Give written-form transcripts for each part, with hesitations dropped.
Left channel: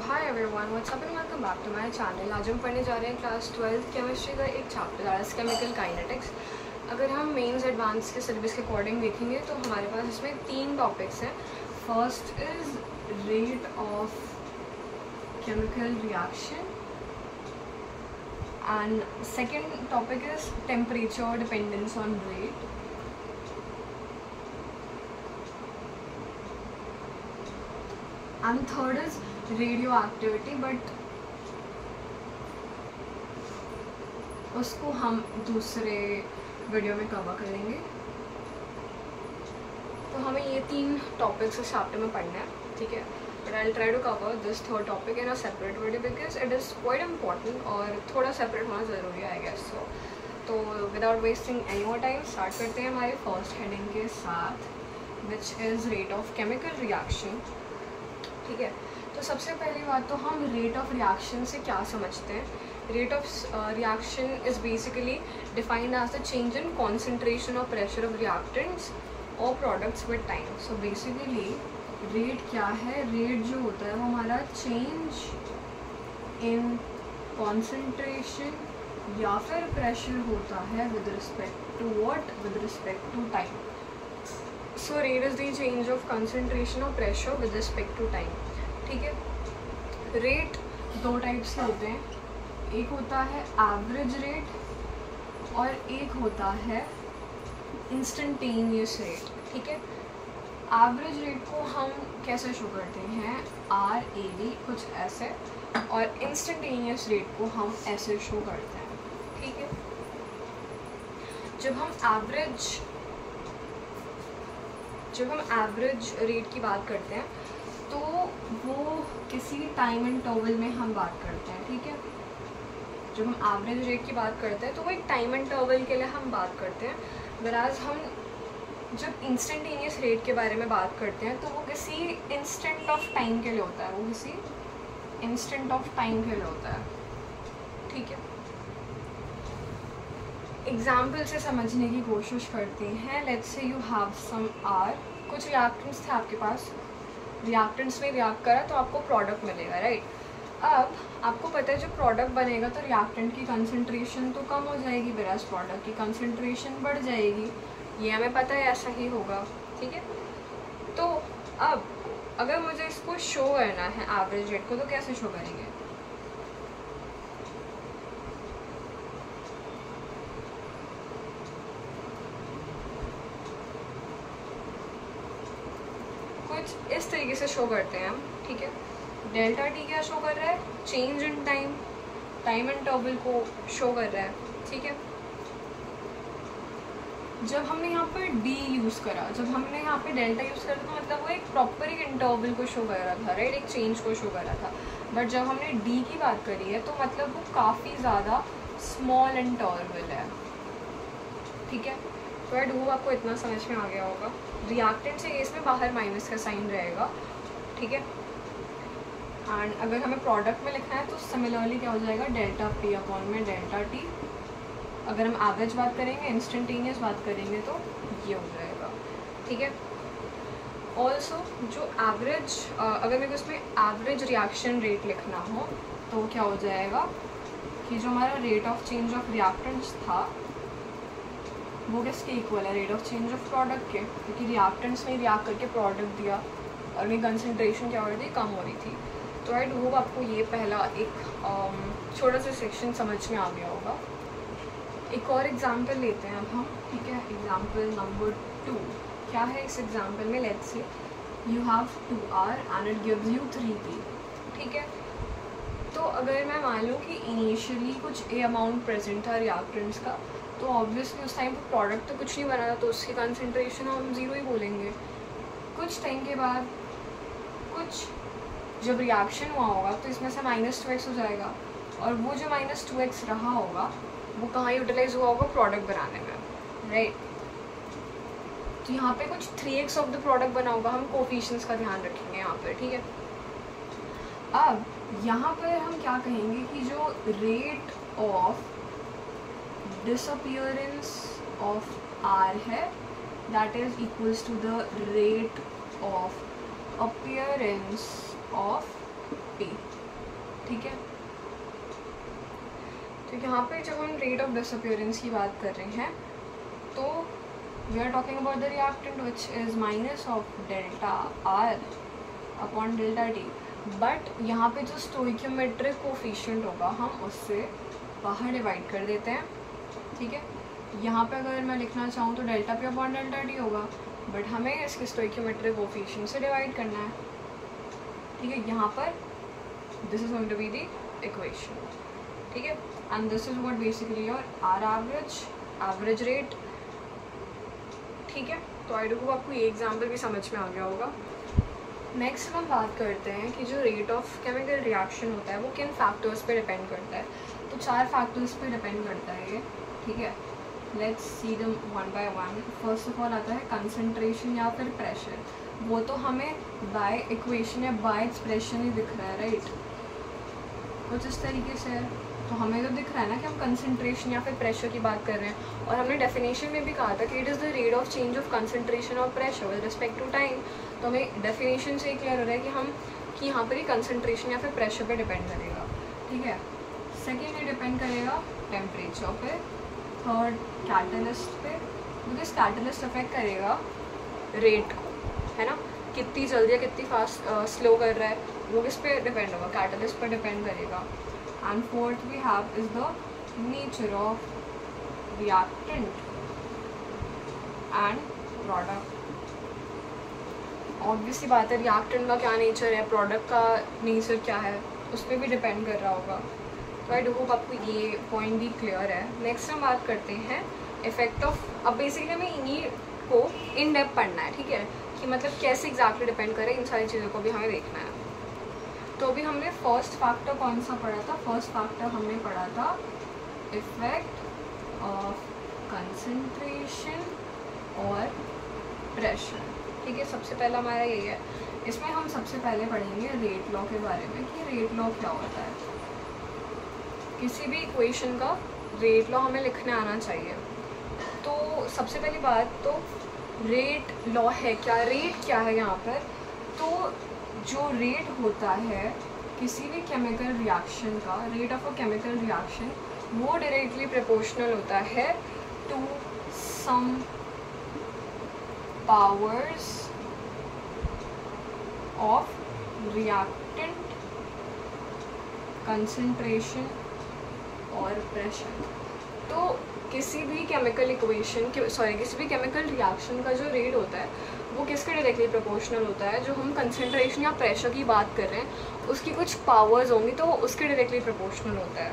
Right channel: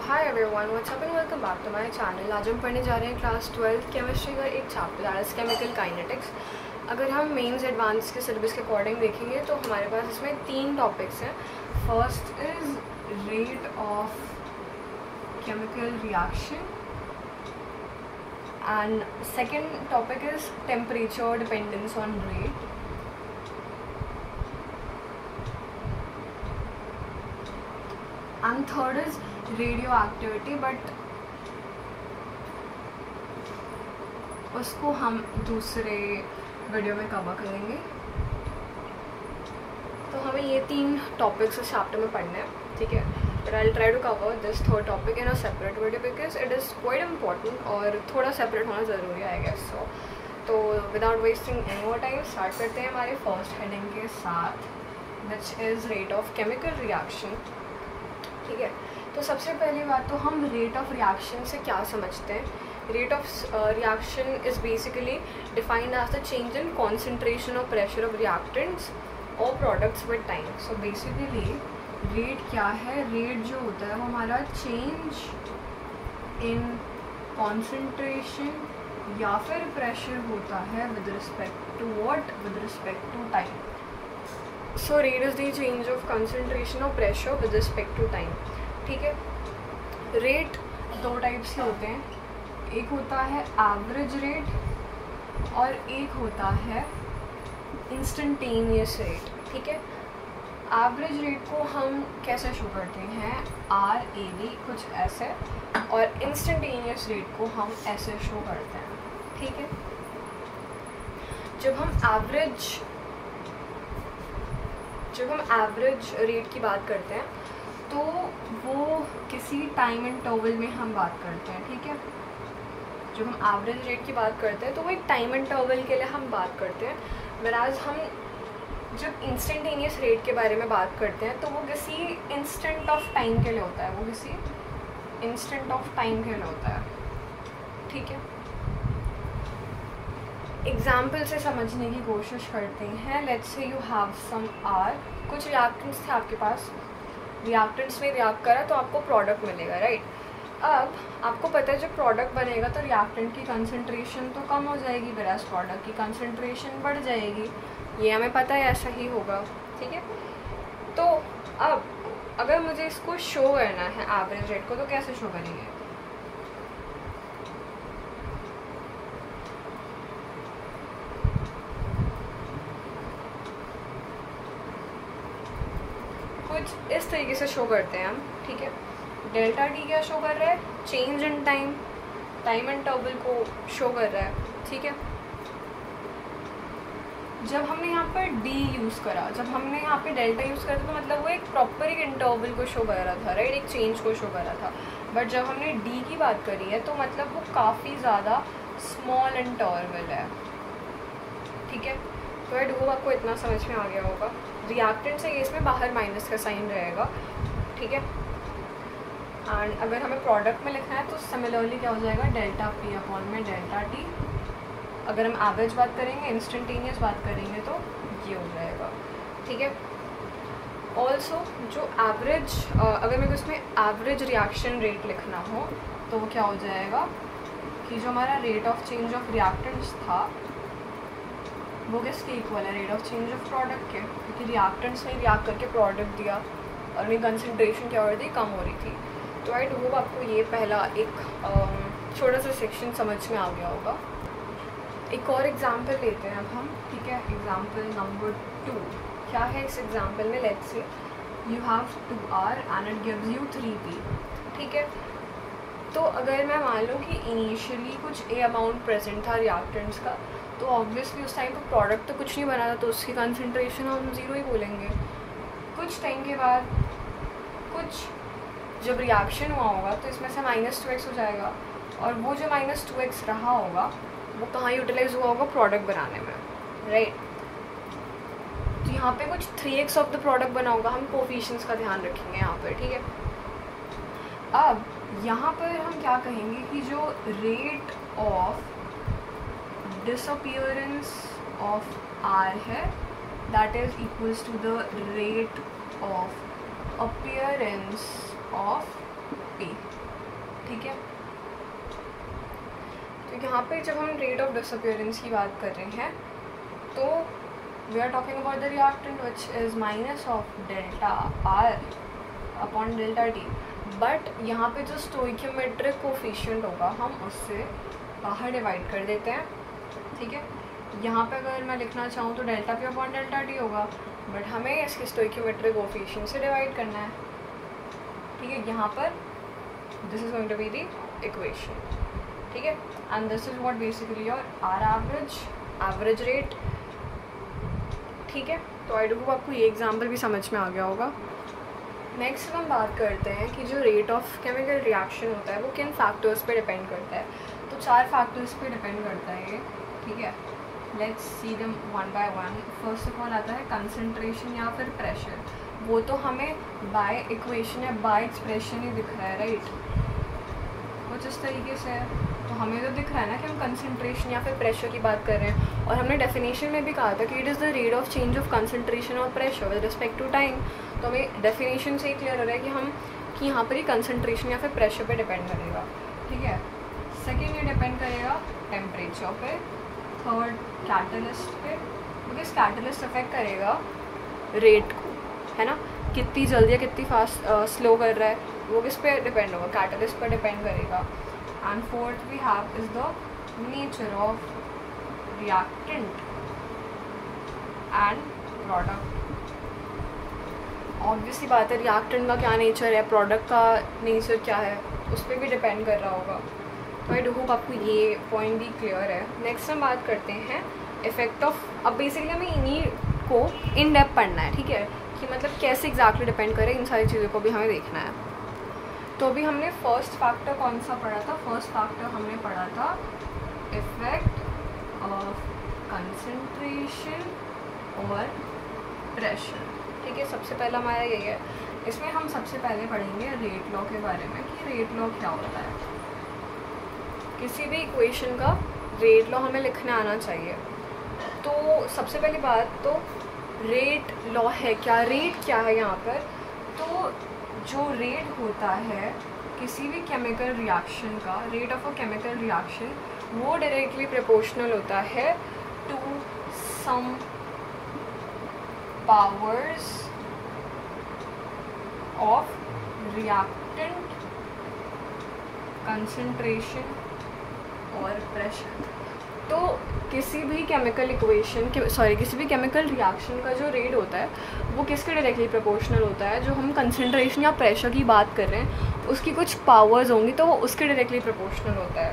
Hi everyone, what's up and welcome back to my channel. आज हम पढ़ने जा रहे हैं क्लास 12 केमिस्ट्री का एक chapter that is chemical kinetics. अगर हम मेंस एडवांस के सिलेबस के अकॉर्डिंग देखेंगे तो हमारे पास इसमें 3 टॉपिक्स हैं। First is rate of chemical reaction and second topic is temperature dependence on rate. And third is radio activity, but उसको हम दूसरे वीडियो में कवर करेंगे। तो हमें ये 3 टॉपिक्स इस चैप्टर में पढ़ना है, ठीक है। But I will try to cover this third topic in a separate video because it is quite important और थोड़ा सेपरेट होना ज़रूरी है आई गेस सो। तो without wasting any more time start करते हैं हमारे फर्स्ट हेडिंग के साथ, which is rate of chemical reaction, ठीक है। तो सबसे पहली बात तो हम रेट ऑफ रिएक्शन से क्या समझते हैं। Rate of reaction is basically defined as the change in concentration और प्रेशर ऑफ रिएक्टेंट्स और products with time. So basically rate क्या है, रेट जो होता है वो हमारा चेंज इन कॉन्सेंट्रेशन या फिर प्रेशर होता है with respect to what, with respect to time. So rate is the change of concentration और pressure with respect to time, ठीक है। रेट 2 टाइप्स के होते हैं, एक होता है एवरेज रेट और एक होता है इंस्टेंटेनियस रेट, ठीक है। एवरेज रेट को हम कैसे शो करते हैं, RAV कुछ ऐसे, और इंस्टेंटेनियस रेट को हम ऐसे शो करते हैं, ठीक है। जब हम एवरेज रेट की बात करते हैं तो वो किसी टाइम इंटरवल में हम बात करते हैं, ठीक है। जब हम एवरेज रेट की बात करते हैं तो वो एक टाइम इंटरवल के लिए हम बात करते हैं, वराज हम जब इंस्टेंटेनियस रेट के बारे में बात करते हैं तो वो किसी इंस्टेंट ऑफ टाइम के लिए होता है, वो किसी इंस्टेंट ऑफ टाइम के लिए होता है, ठीक है। एग्जाम्पल से समझने की कोशिश करते हैं। Let's say you have some R, कुछ रिएक्टेंट्स थे आपके पास, रिएक्टेंट्स ने रिएक्ट करा तो आपको प्रोडक्ट मिलेगा, राइट। अब आपको पता है जब प्रोडक्ट बनेगा तो रिएक्टेंट की कंसंट्रेशन तो कम हो जाएगी, वराज प्रोडक्ट की कंसंट्रेशन बढ़ जाएगी, ये हमें पता है ऐसा ही होगा, ठीक है। तो अब अगर मुझे इसको शो करना है एवरेज रेट को तो कैसे शो करेंगे, कुछ इस तरीके से शो करते हैं हम, ठीक है। डेल्टा टी क्या शो कर रहा है, change in time, time interval को शो कर रहा है, ठीक है। जब हमने यहाँ पर डी यूज़ करा, जब हमने यहाँ पे डेल्टा यूज़ करा तो मतलब वो एक प्रॉपर एक इंटरवल को शो कर रहा था, राइट, एक चेंज को शो कर रहा था। बट जब हमने डी की बात करी है तो मतलब वो काफ़ी ज़्यादा स्मॉल इंटरवल है, ठीक है। तो आई होप आपको इतना समझ में आ गया होगा। रिएक्टेंट से केस में बाहर माइनस का साइन रहेगा, ठीक है। एंड अगर हमें प्रोडक्ट में लिखना है तो सिमिलरली क्या हो जाएगा, डेल्टा पी अपॉन में डेल्टा टी। अगर हम एवरेज बात करेंगे, इंस्टेंटेनियस बात करेंगे तो ये हो जाएगा, ठीक है। ऑल्सो जो एवरेज, अगर मेरे को इसमें एवरेज रिएक्शन रेट लिखना हो तो क्या हो जाएगा कि जो हमारा rate of change of reactants था वो किसके इक्वल है, rate of change of product के, क्योंकि रिएक्टेंट्स ने रिएक्ट करके प्रोडक्ट दिया और उनकी कंसंट्रेशन क्या हो रही थी, कम हो रही थी। तो आई होप आपको ये पहला एक छोटा सा सेक्शन समझ में आ गया होगा। एक और एग्जांपल लेते हैं अब हम, ठीक है। एग्जांपल नंबर 2 क्या है इस एग्जांपल में, let's say you have 2R and it gives you 3P, ठीक है। तो अगर मैं मान लूँ कि इनिशियली कुछ ए अमाउंट प्रेजेंट था रिएक्टेंट्स का, तो ऑब्वियसली उस टाइम पर प्रोडक्ट तो कुछ नहीं बना था तो उसकी कंसंट्रेशन हम 0 ही बोलेंगे। कुछ टाइम के बाद कुछ जब रिएक्शन हुआ होगा तो इसमें से -2x हो जाएगा, और वो जो -2x रहा होगा वो कहाँ यूटिलाइज हुआ होगा, प्रोडक्ट बनाने में, राइट। तो यहाँ पे कुछ 3x ऑफ द प्रोडक्ट बना होगा, हम कोफिशिएंट्स का ध्यान रखेंगे यहाँ पर, ठीक है। अब यहाँ पर हम क्या कहेंगे कि जो rate of disappearance of R है that is equals to the rate of appearance of P. पे जब हम रेट ऑफ डिसअपियरेंस की बात कर रहे हैं तो we are talking about the reactant which is minus of delta R upon delta T, but यहाँ पे जो स्टोइकियोमेट्रिक कोफिशिएंट होगा हम उससे बाहर डिवाइड कर देते हैं, ठीक है। यहाँ पे अगर मैं लिखना चाहूँ तो delta P upon delta T होगा, बट हमें इसके स्टोइकियोमेट्रिक कोफिशिएंट से डिवाइड करना है, ठीक है। यहाँ पर this is going to be the equation, ठीक है, and this is what basically your R average rate, ठीक है। तो आई डोंट नो आपको ये एग्जाम्पल भी समझ में आ गया होगा। नेक्स्ट हम बात करते हैं कि जो रेट ऑफ केमिकल रिएक्शन होता है वो किन फैक्टर्स पे डिपेंड करता है। तो 4 फैक्टर्स पे डिपेंड करता है ये, ठीक है। Let's see them one by one. First of all आता है कंसंट्रेशन या फिर प्रेशर। वो तो हमें बाय इक्वेशन या बाय एक्सप्रेशन ही दिख रहा है, राइट, कुछ इस तरीके से है। तो हमें जब दिख रहा है ना कि हम कंसंट्रेशन या फिर प्रेशर की बात कर रहे हैं, और हमने डेफिनेशन में भी कहा था कि it is the rate of change of concentration और pressure with respect to time. तो हमें डेफिनेशन से ही क्लियर हो रहा है कि यहाँ पर ही कंसंट्रेशन या फिर प्रेशर पे डिपेंड करेगा, ठीक है। सेकेंड ये डिपेंड करेगा टेम्परेचर पे। थर्ड कैटलिस्ट पे, बिकॉज कैटलिस्ट अफेक्ट करेगा रेट को, है ना, कितनी जल्दी या कितनी फास्ट स्लो कर रहा है, वो किस पे डिपेंड होगा, कैटलिस्ट पर डिपेंड करेगा। And fourth we have is the nature of reactant and product. Obviously बात है रिएक्टेंट का क्या नेचर है, प्रोडक्ट का नेचर क्या है, उस पर भी डिपेंड कर रहा होगा। तो आई होप आपको ये पॉइंट भी क्लियर है। नेक्स्ट हम बात करते हैं इफेक्ट ऑफ। अब बेसिकली हमें इन्हीं को इन डेप्थ पढ़ना है, ठीक है, कि मतलब कैसे एग्जैक्टली डिपेंड करे, इन सारी चीज़ों को भी हमें देखना है। तो अभी हमने फर्स्ट फैक्टर कौन सा पढ़ा था? फर्स्ट फैक्टर हमने पढ़ा था इफेक्ट ऑफ कंसंट्रेशन और प्रेशर, ठीक है। सबसे पहला हमारा यही है। इसमें हम सबसे पहले पढ़ेंगे रेट लॉ के बारे में कि रेट लॉ क्या होता है। किसी भी इक्वेशन का रेट लॉ हमें लिखना आना चाहिए। तो सबसे पहली बात तो रेट लॉ है क्या, रेट क्या है यहाँ पर। तो जो रेट होता है किसी भी केमिकल रिएक्शन का, rate of a chemical reaction, वो डायरेक्टली प्रोपोर्शनल होता है to some powers of reactant concentration और प्रेशर। तो किसी भी केमिकल इक्वेशन किसी भी केमिकल रिएक्शन का जो रेट होता है वो किसके डायरेक्टली प्रोपोर्शनल होता है। जो हम कंसंट्रेशन या प्रेशर की बात कर रहे हैं उसकी कुछ पावर्स होंगी तो वो उसके डायरेक्टली प्रोपोर्शनल होता है।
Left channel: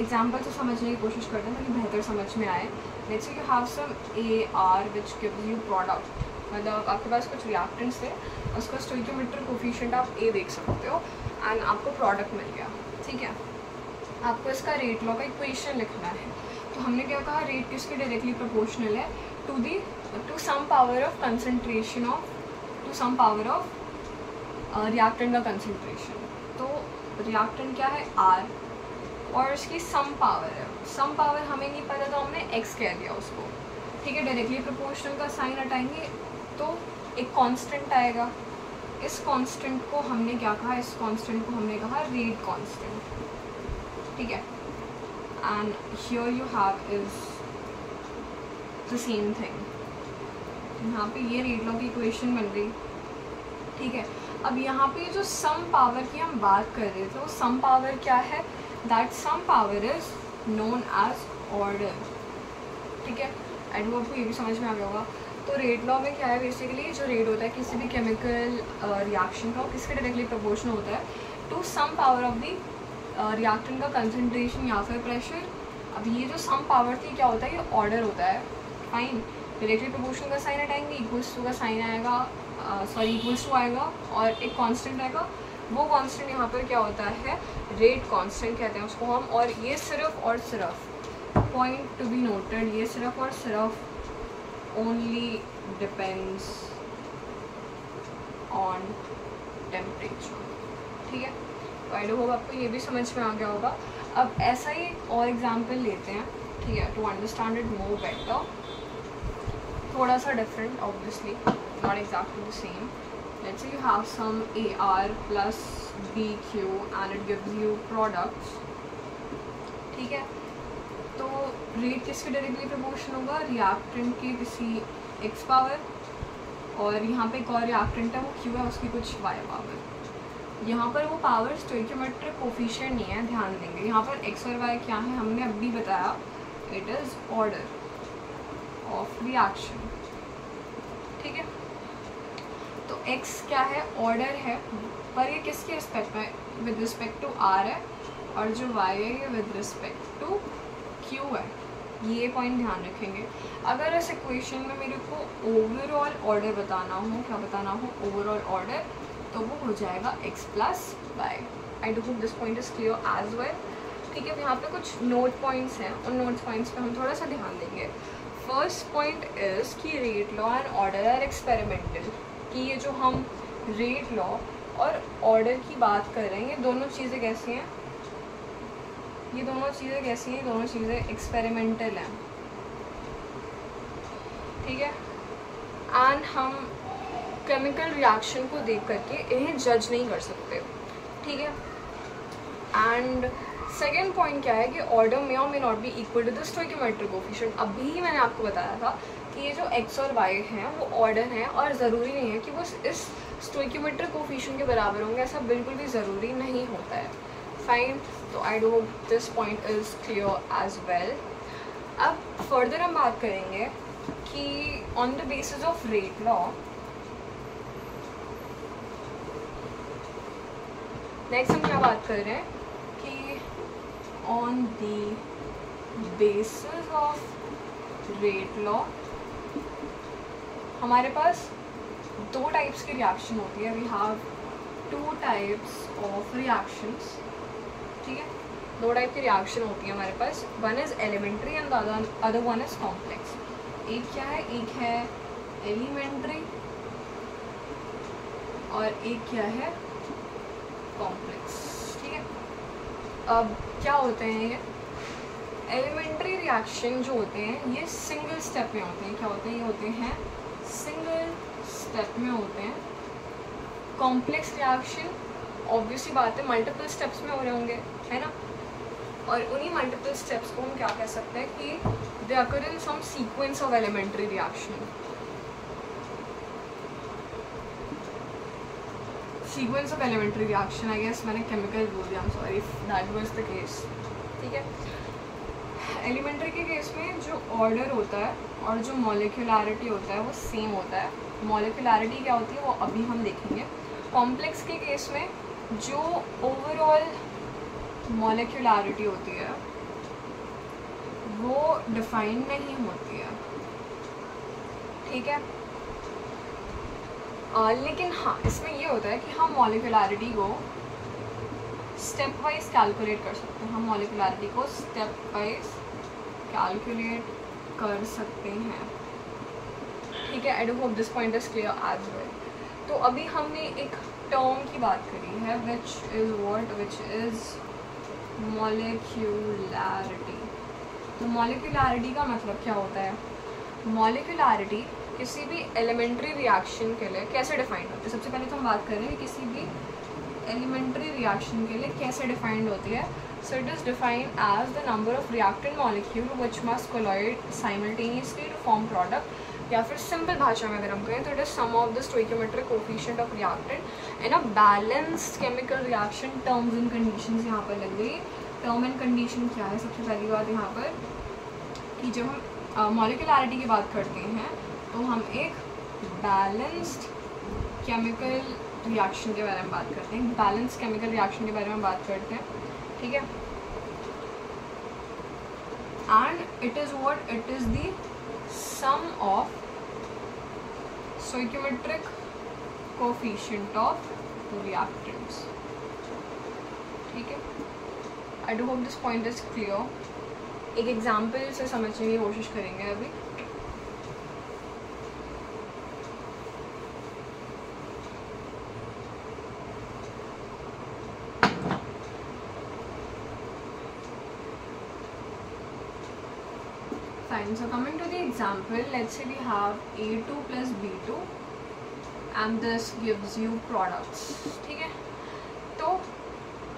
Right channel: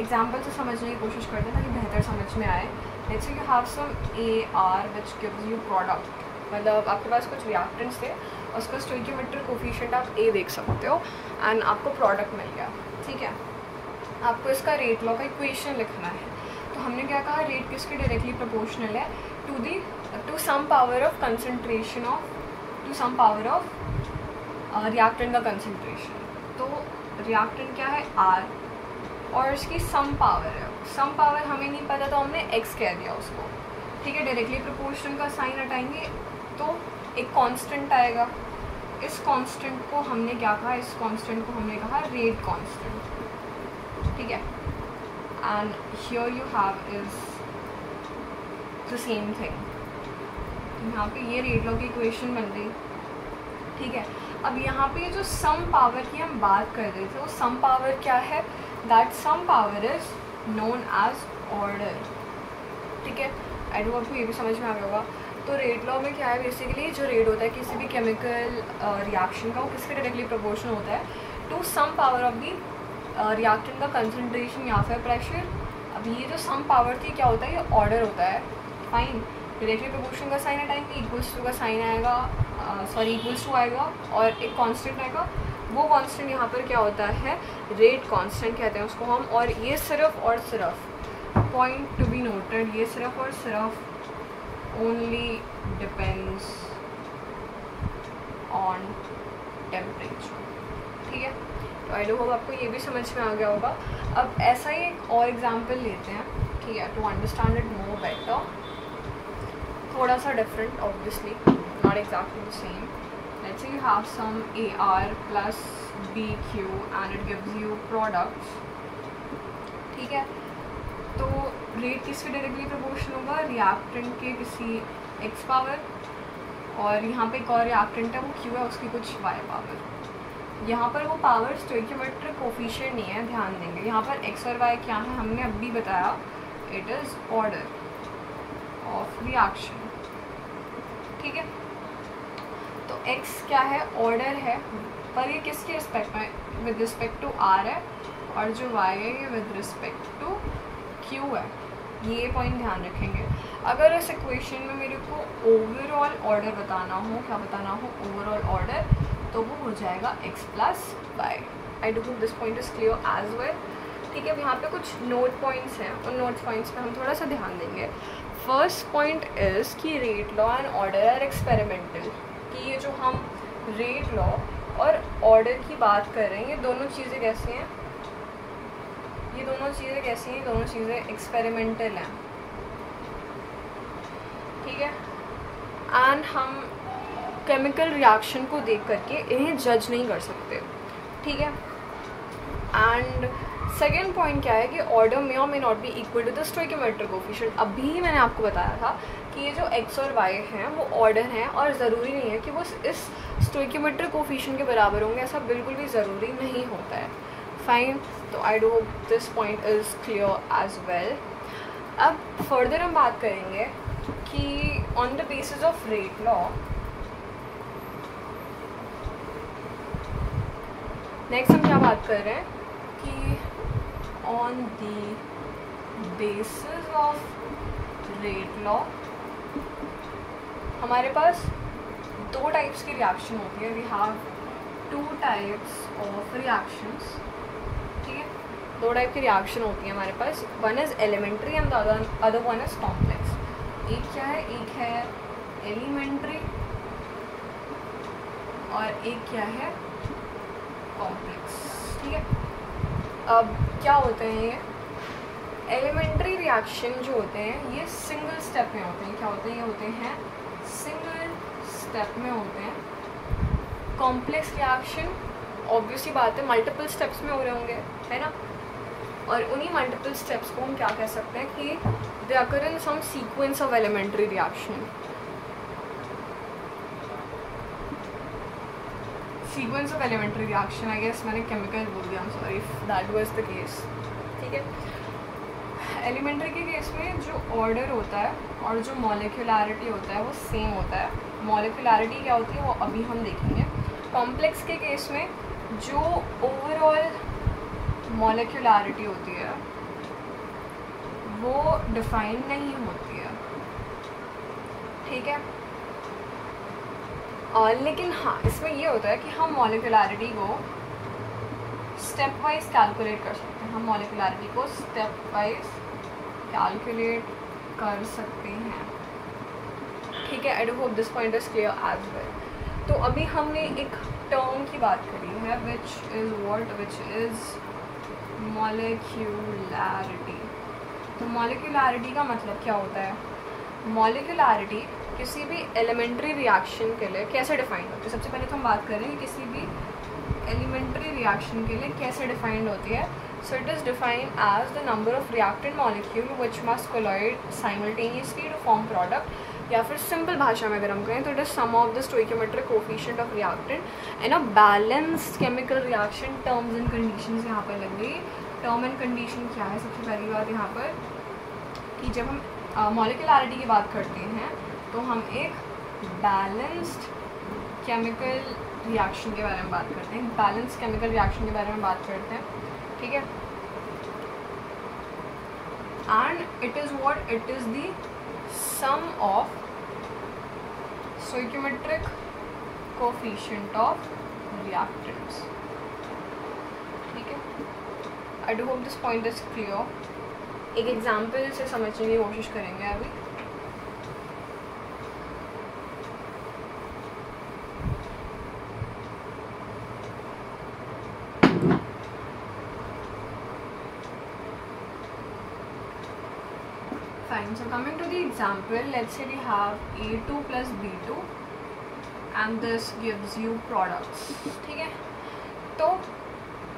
एग्जाम्पल से समझने की कोशिश करते हैं ताकि बेहतर समझ में आए। Let's say you have some AR which gives you product, मतलब आपके पास कुछ रिएक्टेंट्स थे, उसका स्टोइकियोमेट्रिक कोफिशिएंट आप A देख सकते हो एंड आपको प्रोडक्ट मिल गया, ठीक है। आपको इसका रेट लॉ का इक्वेशन लिखना है। तो हमने क्या कहा, रेट किसके डायरेक्टली प्रोपोर्शनल है to some power of concentration of, to some power of reactant का कंसंट्रेशन। तो रिएक्टेंट क्या है R, और उसकी सम पावर है। सम पावर हमें नहीं पता तो हमने x कह दिया उसको, ठीक है। डायरेक्टली प्रोपोर्शनल का साइन हटाएंगे तो एक कांस्टेंट आएगा। इस कांस्टेंट को हमने क्या कहा, इस कांस्टेंट को हमने कहा रेट कांस्टेंट, ठीक है। And here you have is the same thing. यहाँ पे ये रेट लॉ की इक्वेशन बन गई, ठीक है। अब यहाँ पे जो सम पावर की हम बात कर रहे थे, वो सम पावर क्या है, that some power is known as order, ठीक है। आई डोंट आपको ये भी समझ में आ गया होगा। तो रेट लॉ में क्या है, बेसिकली जो रेट होता है किसी भी केमिकल रिएक्शन का, वो किसके डायरेक्टली प्रोपोर्शनल होता है to some power of the reactant का कंसंट्रेशन या फिर प्रेशर। अब ये जो सम पावर थी क्या होता है, ये ऑर्डर होता है, फाइन। डायरेक्टली प्रोपोर्शनल का साइन हटाएंगे, इक्वल्स टू का साइन आएगा, इक्वल्स टू आएगा और एक कांस्टेंट आएगा। वो कांस्टेंट यहाँ पर क्या होता है, रेट कांस्टेंट कहते हैं उसको हम। और ये सिर्फ और सिर्फ, पॉइंट टू बी नोटेड, ये सिर्फ और सिर्फ ओनली डिपेंड्स ऑन टेम्परेचर, ठीक है। तो आई डू होप आपको ये भी समझ में आ गया होगा। अब ऐसा ही एक और एग्जाम्पल लेते हैं, ठीक है, to understand it more better. थोड़ा सा different, obviously not exactly the same. Let's say you have some AR plus BQ and it gives you products, ठीक है। तो रेट किसके डायरेक्टली प्रोपोर्शनल होगा, रिएक्टेंट के किसी x पावर, और यहाँ पे एक और रिएक्टेंट है वो q है, उसकी कुछ y पावर। यहाँ पर वो पावर स्टोइकियोमेट्रिक कोफिशिएंट नहीं है, ध्यान देंगे। यहाँ पर x और y क्या है हमने अभी बताया, it is order of reaction, ठीक है। तो x क्या है, ऑर्डर है, पर ये किसके रिस्पेक्ट में, विद रिस्पेक्ट टू r है, और जो y है ये विद रिस्पेक्ट टू q है। ये पॉइंट ध्यान रखेंगे। अगर इस इक्वेशन में मेरे को ओवरऑल ऑर्डर बताना हो, क्या बताना हो, ओवरऑल ऑर्डर, तो वो हो जाएगा x plus y. I do hope this point is clear as well, ठीक है। अब यहाँ पे कुछ नोट पॉइंट्स हैं, उन नोट पॉइंट्स पे हम थोड़ा सा ध्यान देंगे। फर्स्ट पॉइंट इज़ कि rate law and order are experimental, कि ये जो हम रेट लॉ और ऑर्डर की बात कर रहे हैं, ये दोनों चीज़ें कैसी हैं, ये दोनों चीज़ें कैसी हैं, दोनों चीज़ें एक्सपेरिमेंटल हैं, ठीक है। एंड हम केमिकल रिएक्शन को देख करके इन्हें जज नहीं कर सकते, ठीक है। एंड सेकेंड पॉइंट क्या है कि ऑर्डर में और may not be equal to the stoichiometric coefficient. अभी मैंने आपको बताया था कि ये जो x और y हैं वो ऑर्डर हैं, और ज़रूरी नहीं है कि वो इस स्टोइकियोमेट्रिक कोफिशिएंट के बराबर होंगे, ऐसा बिल्कुल भी ज़रूरी नहीं होता है। फाइन, तो I do hope this point is clear as well. अब फर्दर हम बात करेंगे कि on the basis of rate law, next हम क्या बात कर रहे हैं कि on the basis of rate law हमारे पास दो टाइप्स की रिएक्शन होती है। We have two types of reactions, ठीक है। दो टाइप की रिएक्शन होती है हमारे पास, one is elementary and the other one is complex. एक क्या है, एक है एलिमेंट्री और एक क्या है कॉम्प्लेक्स, ठीक है। अब क्या होते हैं ये एलिमेंट्री रिएक्शन जो होते हैं, ये सिंगल स्टेप में होते हैं। क्या होते हैं, ये होते हैं सिंगल स्टेप में होते हैं। कॉम्प्लेक्स रिएक्शन ऑब्वियसली बात है मल्टीपल स्टेप्स में हो रहे होंगे, है ना। और उन्हीं मल्टीपल स्टेप्स को हम क्या कह सकते हैं कि they occur in some sequence of elementary reaction. Sequence of elementary reaction, I guess मैंने केमिकल बोल दिया, I am sorry if that was the case, ठीक है। एलिमेंट्री के केस में जो ऑर्डर होता है और जो मॉलिक्यूलैरिटी होता है वो सेम होता है। मॉलिक्यूलैरिटी क्या होती है वो अभी हम देखेंगे। कॉम्प्लेक्स के केस में जो ओवरऑल मॉलिक्यूलैरिटी होती है वो डिफाइन नहीं होती है, ठीक है। लेकिन हाँ, इसमें ये होता है कि हम मॉलिक्यूलैरिटी को स्टेप वाइज कैलकुलेट कर सकते हैं। हम मॉलिक्यूलैरिटी को स्टेप वाइज कैलकुलेट कर सकते हैं, ठीक है। I do hope this point is clear as well. तो अभी हमने एक टर्म की बात करी है which is what, which is molecularity. तो मॉलिक्यूलैरिटी का मतलब क्या होता है, मॉलिक्यूलैरिटी किसी भी एलिमेंट्री रिएक्शन के लिए कैसे डिफाइंड होती है। सबसे पहले तो हम बात कर रहे हैं किसी भी एलिमेंट्री रिएक्शन के लिए कैसे डिफाइंड होती है। So it is defined as the number of reactant molecule which must collide simultaneously to form product, या फिर सिंपल भाषा में अगर हम कहें तो it is sum of the stoichiometric coefficient of reactant in a balanced chemical reaction. Terms and conditions यहाँ पे लग गई। टर्म एंड कंडीशन क्या है, सबसे पहली बात यहाँ पर कि जब हम मॉलिक्यूलैरिटी की बात करते हैं तो हम एक बैलेंस्ड केमिकल रिएक्शन के बारे में बात करते हैं, बैलेंस्ड केमिकल रिएक्शन के बारे में बात करते हैं, ठीक है। And it is what, it is the sum of stoichiometric coefficient of reactants, ठीक है। I do hope this point is clear. एक एग्जाम्पल से समझने की कोशिश करेंगे अभी। So coming to the example, let's say we have A2 plus B2 and this gives you products, ठीक है। तो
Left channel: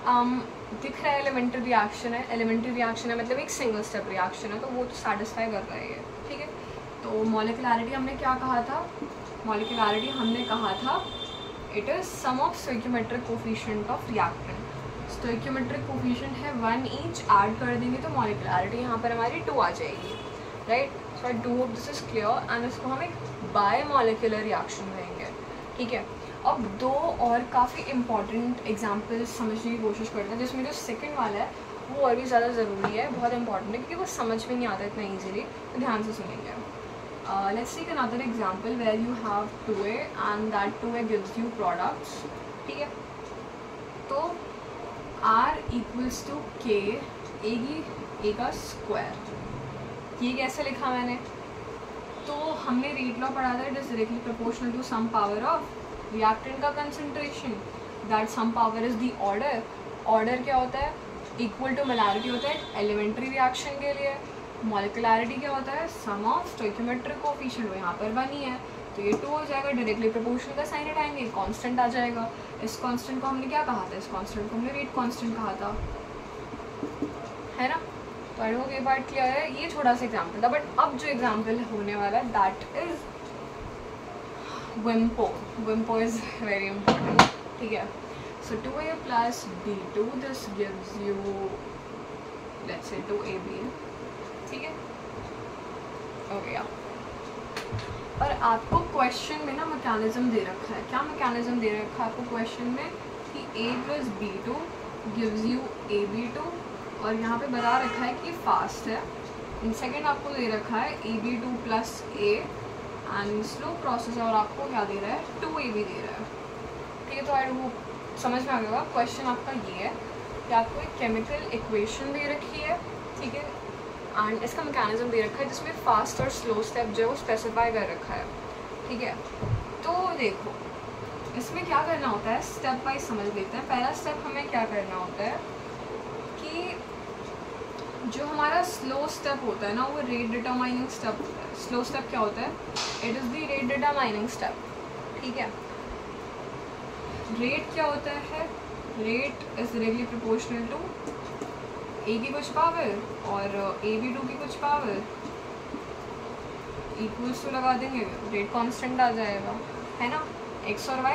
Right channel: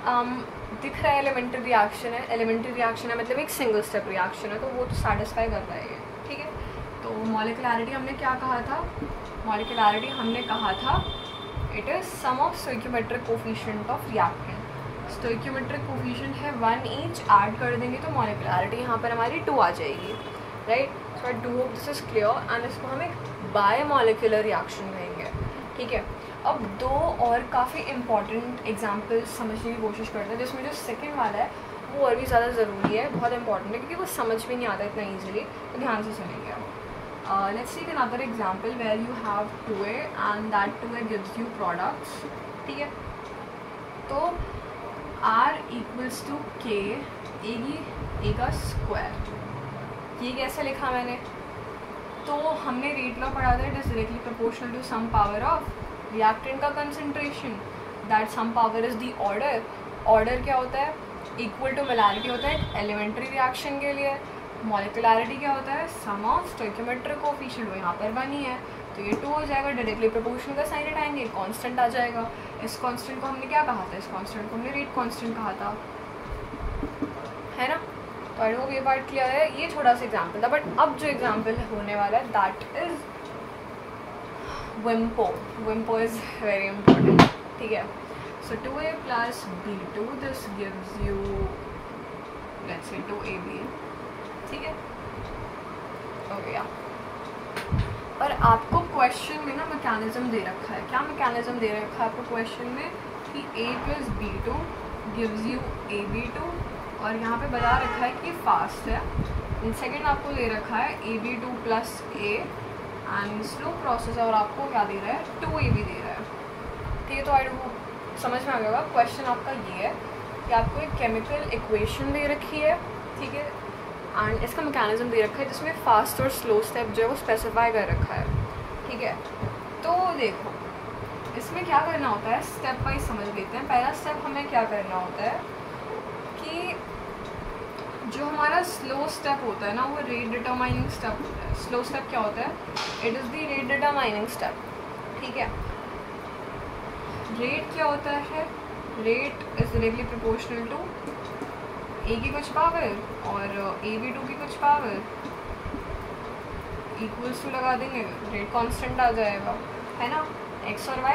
दिख रहा है एलिमेंट्री रिएक्शन है, एलिमेंट्री रिएक्शन है मतलब एक सिंगल स्टेप रिएक्शन है, तो वो तो सेटिस्फाई कर रहा है ये, ठीक है। तो मॉलिक्युलैरिटी हमने क्या कहा था, मॉलिक्युलैरिटी हमने कहा था it is sum of stoichiometric coefficient of reactant. Stoichiometric coefficient है 1 ईच, ऐड कर देंगे तो मॉलिक्युलैरिटी यहाँ पर हमारी 2 आ जाएगी, right. So I do hope this is clear and इसको हम एक बायोमॉलिक्यूलर रिएक्शन देंगे, ठीक है। अब 2 और काफ़ी इंपॉर्टेंट एग्जाम्पल्स समझने की कोशिश करते हैं, जिसमें जो सेकेंड वाला है वो और भी ज़्यादा ज़रूरी है, बहुत इंपॉर्टेंट है, क्योंकि वो समझ में नहीं आता इतना ईजिली, तो ध्यान से सुनेंगे। Let's take another example where you have 2a and that 2a gives you products, ठीक है। तो r equals to k a का स्क्वायर, ये कैसे लिखा मैंने, तो हमने रेट लॉ पढ़ा था, it is directly proportional to some power of reactant का concentration, that some power is the order. Order क्या होता है, इक्वल टू मोलैरिटी होता है एलिमेंट्री रिएक्शन के लिए, मॉलिक्युलैरिटी क्या होता है, सम ऑफ स्टोइकियोमेट्रिक कोफिशिएंट, वो यहाँ पर 1 ही है, तो ये 2 हो जाएगा, डायरेक्टली प्रोपोर्शनल का साइन हटाएंगे, कांस्टेंट आ जाएगा। इस कांस्टेंट को हमने क्या कहा था, इस कांस्टेंट को हमने रेट कांस्टेंट कहा था, है ना। तो आई होप ये पार्ट क्लियर है, ये थोड़ा सा एग्जाम्पल था, बट अब जो एग्जाम्पल होने वाला है that is wimpo. Wimpo is very important, ठीक है। So 2a plus b2, this gives you let's say 2ab, ठीक है, हो गया। और आपको क्वेश्चन में ना मैकेनिज्म दे रखा है, क्या मैकेनिज्म दे रखा है आपको क्वेश्चन में कि a plus b2 gives you ab2, और यहाँ पे बता रखा है कि फास्ट है। एंड सेकेंड आपको दे रखा है ab2 plus a and slow process, और आपको क्या दे रहा है, 2ab दे रहा है, ठीक है। तो आई डोंट समझ में आ गया। क्वेश्चन आपका ये है कि आपको एक केमिकल इक्वेशन दे रखी है, ठीक है, एंड इसका मैकेनिज्म दे रखा है जिसमें फास्ट और स्लो स्टेप जो है वो स्पेसिफाई कर रखा है, ठीक है। तो देखो इसमें क्या करना होता है, स्टेप वाइज समझ लेते हैं। पहला स्टेप हमें क्या करना होता है कि जो हमारा स्लो स्टेप होता है ना, वो रेट डिटरमाइनिंग स्टेप होता है। स्लो स्टेप क्या होता है, it is the rate determining step, ठीक है। रेट क्या होता है, rate is directly proportional to a की कुछ पावर और ab2 की कुछ पावर, इक्वल्स टू लगा देंगे, रेट कांस्टेंट आ जाएगा, है ना, x और y।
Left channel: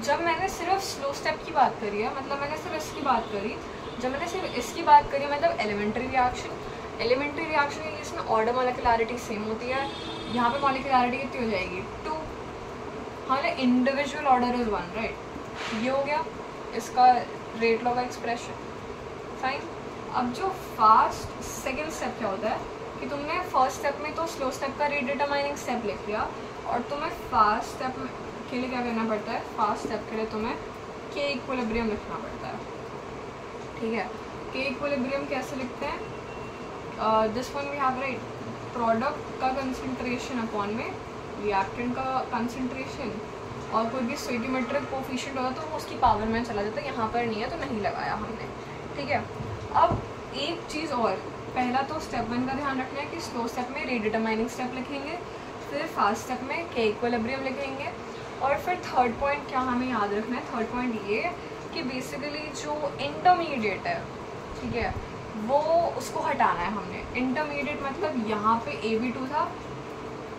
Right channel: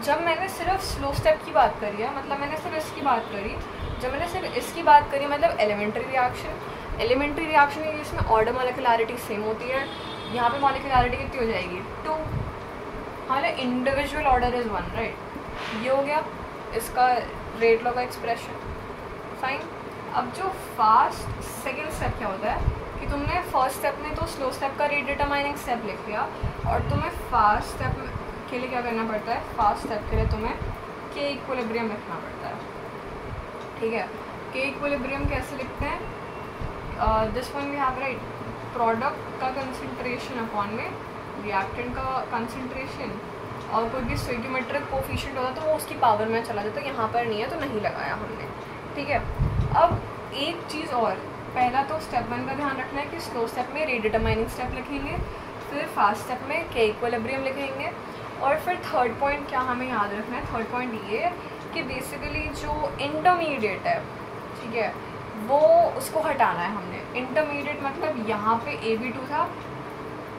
जब मैंने सिर्फ स्लो स्टेप की बात करी है, मतलब मैंने सिर्फ इसकी बात करी, जब मैंने सिर्फ इसकी बात करी मतलब एलिमेंट्री रिएक्शन है जिसमें ऑर्डर मॉलिक्युलैरिटी सेम होती है, यहाँ पे मॉलिक्युलैरिटी कितनी हो जाएगी, 2, हमारा इंडिविजुअल ऑर्डर इज 1, राइट। ये हो गया इसका रेट लॉ का एक्सप्रेशन, फाइन। अब जो फास्ट सेकेंड स्टेप क्या होता है कि तुमने फर्स्ट स्टेप में तो स्लो स्टेप का रेट डिटरमाइनिंग स्टेप लिख दिया, और तुम्हें फास्ट स्टेप के लिए क्या करना पड़ता है, फास्ट स्टेप के लिए तुम्हें के इक्विलिब्रियम लिखना पड़ता है, ठीक है। के इक्विलिब्रियम कैसे लिखते हैं, this one we have right, product का कंसंट्रेशन अपॉन में रिएक्टेंट का कंसंट्रेशन, और कोई भी स्टोइकियोमेट्रिक कोफिशिएंट होता तो वो उसकी पावर में चला जाता, यहाँ पर नहीं है तो नहीं लगाया हमने, ठीक है। अब एक चीज़ और, पहला तो स्टेप 1 का ध्यान रखना है कि स्लो स्टेप में रेट डिटरमाइनिंग स्टेप लिखेंगे, फिर फास्ट स्टेप में के इक्विलिब्रियम लिखेंगे, और फिर थर्ड पॉइंट क्या हमें याद रखना है, थर्ड पॉइंट ये कि बेसिकली जो इंटरमीडिएट है, ठीक है, वो उसको हटाना है हमने। इंटरमीडिएट मतलब यहाँ पे ab2 था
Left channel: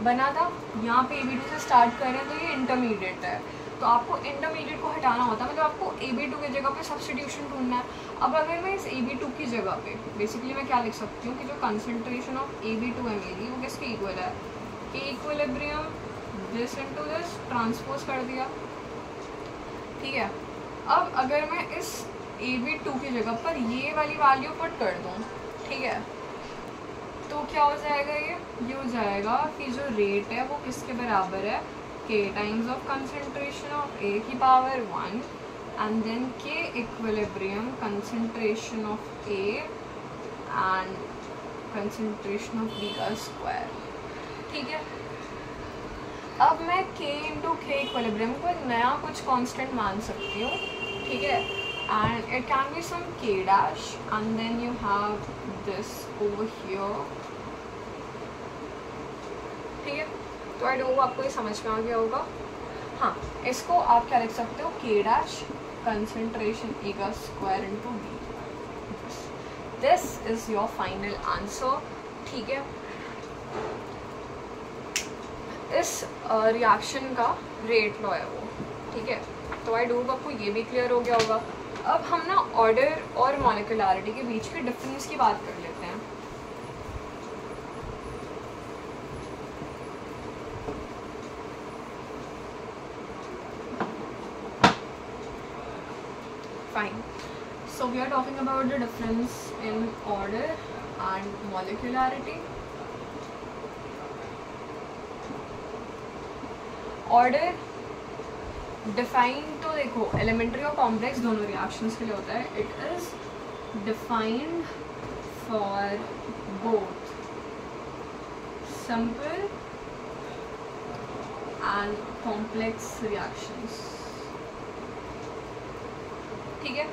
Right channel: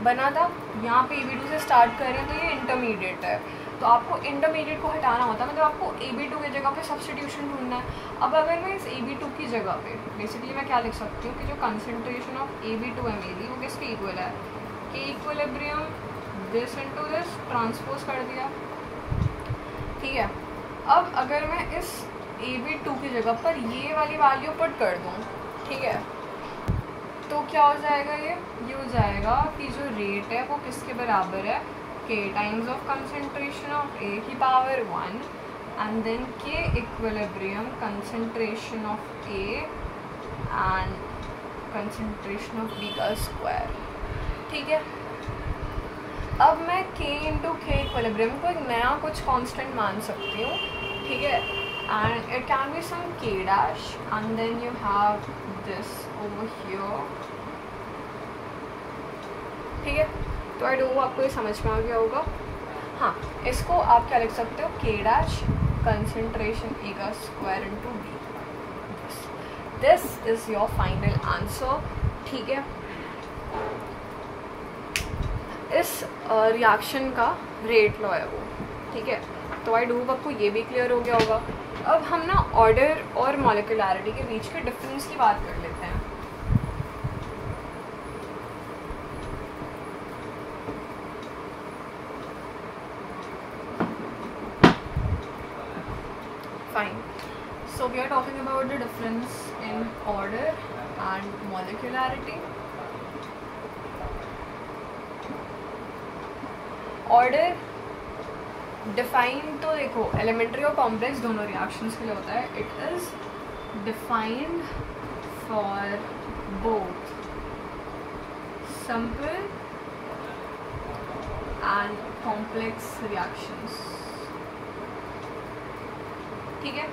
बना था, यहाँ पे ab2 से स्टार्ट कर रहे हैं तो ये इंटरमीडिएट है, तो आपको इंटरमीडिएट को हटाना होता है, मतलब आपको ab2 की जगह पे सब्स्टिट्यूशन ढूंढना है। अब अगर मैं इस ab2 की जगह पे बेसिकली मैं क्या लिख सकती हूँ कि जो कंसंट्रेशन ऑफ ab2 Mg वो किसके इक्वल है, के equilibrium this into this, transpose कर दिया, ठीक है। अब अगर मैं इस ab2 की जगह पर ये वाली वैल्यू पुट कर दूँ, ठीक है, तो क्या हो जाएगा, ये हो जाएगा कि जो रेट है वो किसके बराबर है, k times of concentration of a की power 1 and then k equilibrium concentration of a and concentration of b का स्क्वायर, ठीक है। अब मैं k इंटू k इक्विलिब्रियम को एक नया कुछ कांस्टेंट मान सकती हूँ, ठीक है, and it can be some k dash and then you have this over here, ठीक है। तो आई डोंट नो आपको ये समझ में आ गया होगा। हाँ, इसको आप क्या लिख सकते हो, k डैश concentration A का square into D. This is your final answer. ठीक है, इस रिएक्शन का रेट लॉ है वो, ठीक है. तो आई डोप आपको ये भी क्लियर हो गया होगा. अब हम ना ऑर्डर और मॉलिक्यूलैरिटी के बीच के डिफरेंस की बात कर लेते हैं. Fine. So we are talking about the difference in order and molecularity. Order define तो देखो एलिमेंट्री और कॉम्प्लेक्स दोनों रिएक्शंस के लिए होता है. It is defined for both simple and complex reactions, ठीक है.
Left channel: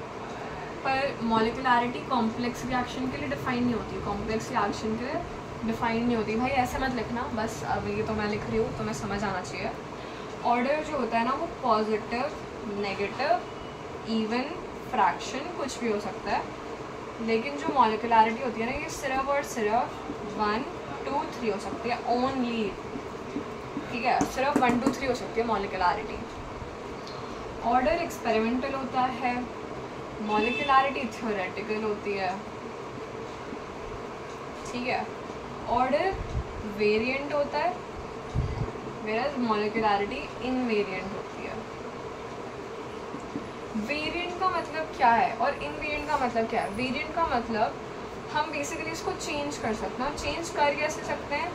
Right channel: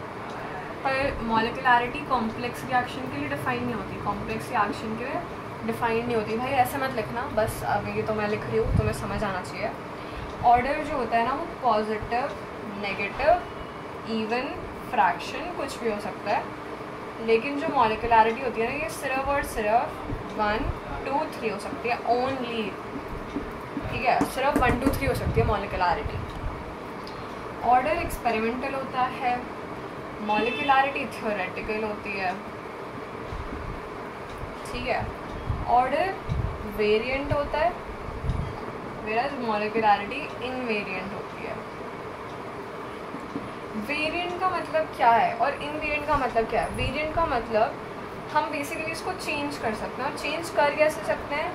पर मॉलिक्यूलैरिटी कॉम्प्लेक्स रिएक्शन के लिए डिफाइन नहीं होती, कॉम्प्लेक्स रिएक्शन के लिए डिफाइन नहीं होती. भाई ऐसे मत लिखना, बस अभी तो मैं लिख रही हूँ, तुम्हें समझ आना चाहिए. ऑर्डर जो होता है ना वो पॉजिटिव, नेगेटिव, इवन, फ्रैक्शन कुछ भी हो सकता है. लेकिन जो मॉलिक्यूलैरिटी होती है ना ये सिर्फ और सिर्फ 1, 2, 3 हो सकती है ओनली, ठीक है. सिर्फ 1, 2, 3 हो सकती है मॉलिक्यूलैरिटी. ऑर्डर एक्सपेरिमेंटल होता है, मॉलिक्यूलैरिटी थ्योरेटिकल होती है, ठीक है. ऑर्डर वेरिएंट होता है, whereas मॉलिक्यूलैरिटी इनवेरिएंट होती है. वेरिएंट का मतलब क्या है और इनवेरिएंट का मतलब क्या है? वेरिएंट का मतलब हम बेसिकली इसको चेंज कर सकते हैं. चेंज कर कैसे सकते हैं?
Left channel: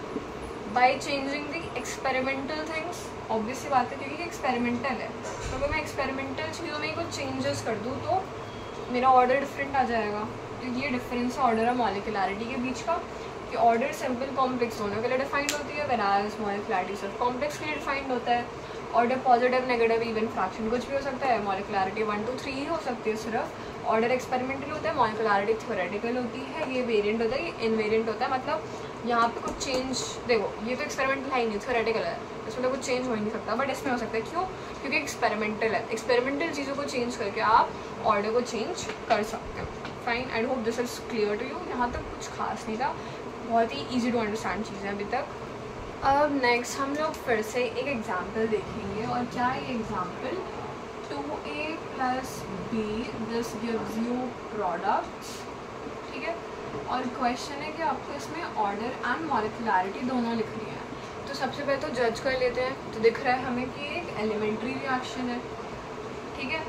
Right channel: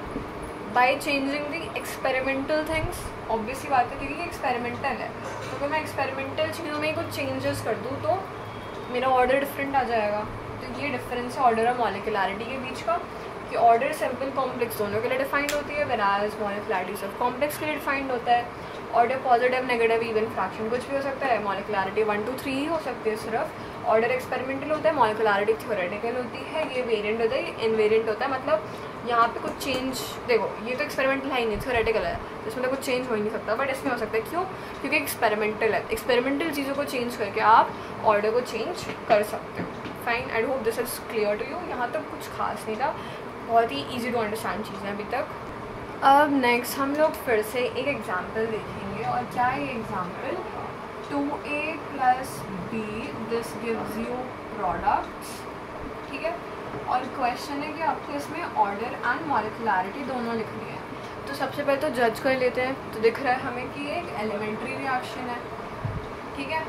By changing the experimental things. Obviously बात है क्योंकि एक्सपेरिमेंटल है, तो अगर मैं एक्सपेरिमेंटल चीज़ों में कुछ चेंजेस कर दूँ तो मेरा ऑर्डर डिफरेंट आ जाएगा. तो ये डिफरेंस है ऑर्डर और मॉलिक्यूलैरिटी के बीच का, कि ऑर्डर सिंपल कॉम्प्लेक्स दोनों के लिए डिफाइंड होती है, व्हेयरएज मॉलिक्यूलैरिटी सिर्फ कॉम्प्लेक्स के लिए डिफाइंड होता है. Order positive, negative, even, fraction कुछ भी हो सकता है. मॉलिक्यूलैरिटी 1, 2, 3 ही हो सकती है सिर्फ. ऑर्डर एक्सपेरिमेंटल होता है, मॉलिक्यूलैरिटी थ्योरेटिकल होती है, ये वेरिएंट होता है, ये इनवेरिएंट होता है. मतलब यहाँ पे कुछ चेंज, देखो ये तो एक्सपेरिमेंटल है ही नहीं, थ्योरेटिकल है, इसमें तो कुछ चेंज हो ही नहीं सकता. बट इसमें हो सकता है, क्यों? क्योंकि एक्सपेरिमेंटल है. एक्सपेरिमेंटल चीज़ों को चेंज करके आप ऑर्डर को चेंज कर सकते हो. Fine, I hope this is clear to you. यहाँ तक कुछ खास नहीं था, बहुत ही ईजी टू अंडरस्टैंड चीज़ें अभी तक. अब नेक्स्ट हम लोग फिर से एक एग्जांपल देखेंगे. और क्या है ये example? 2a + b this gives you products, ठीक है. और क्वेश्चन है कि आपको इसमें ऑर्डर एंड मॉलिक्यूलैरिटी दोनों लिखनी है. तो सबसे पहले तो जज कर लेते हैं. तो दिख रहा है हमें कि एक एलिमेंट्री रिएक्शन है, ठीक है.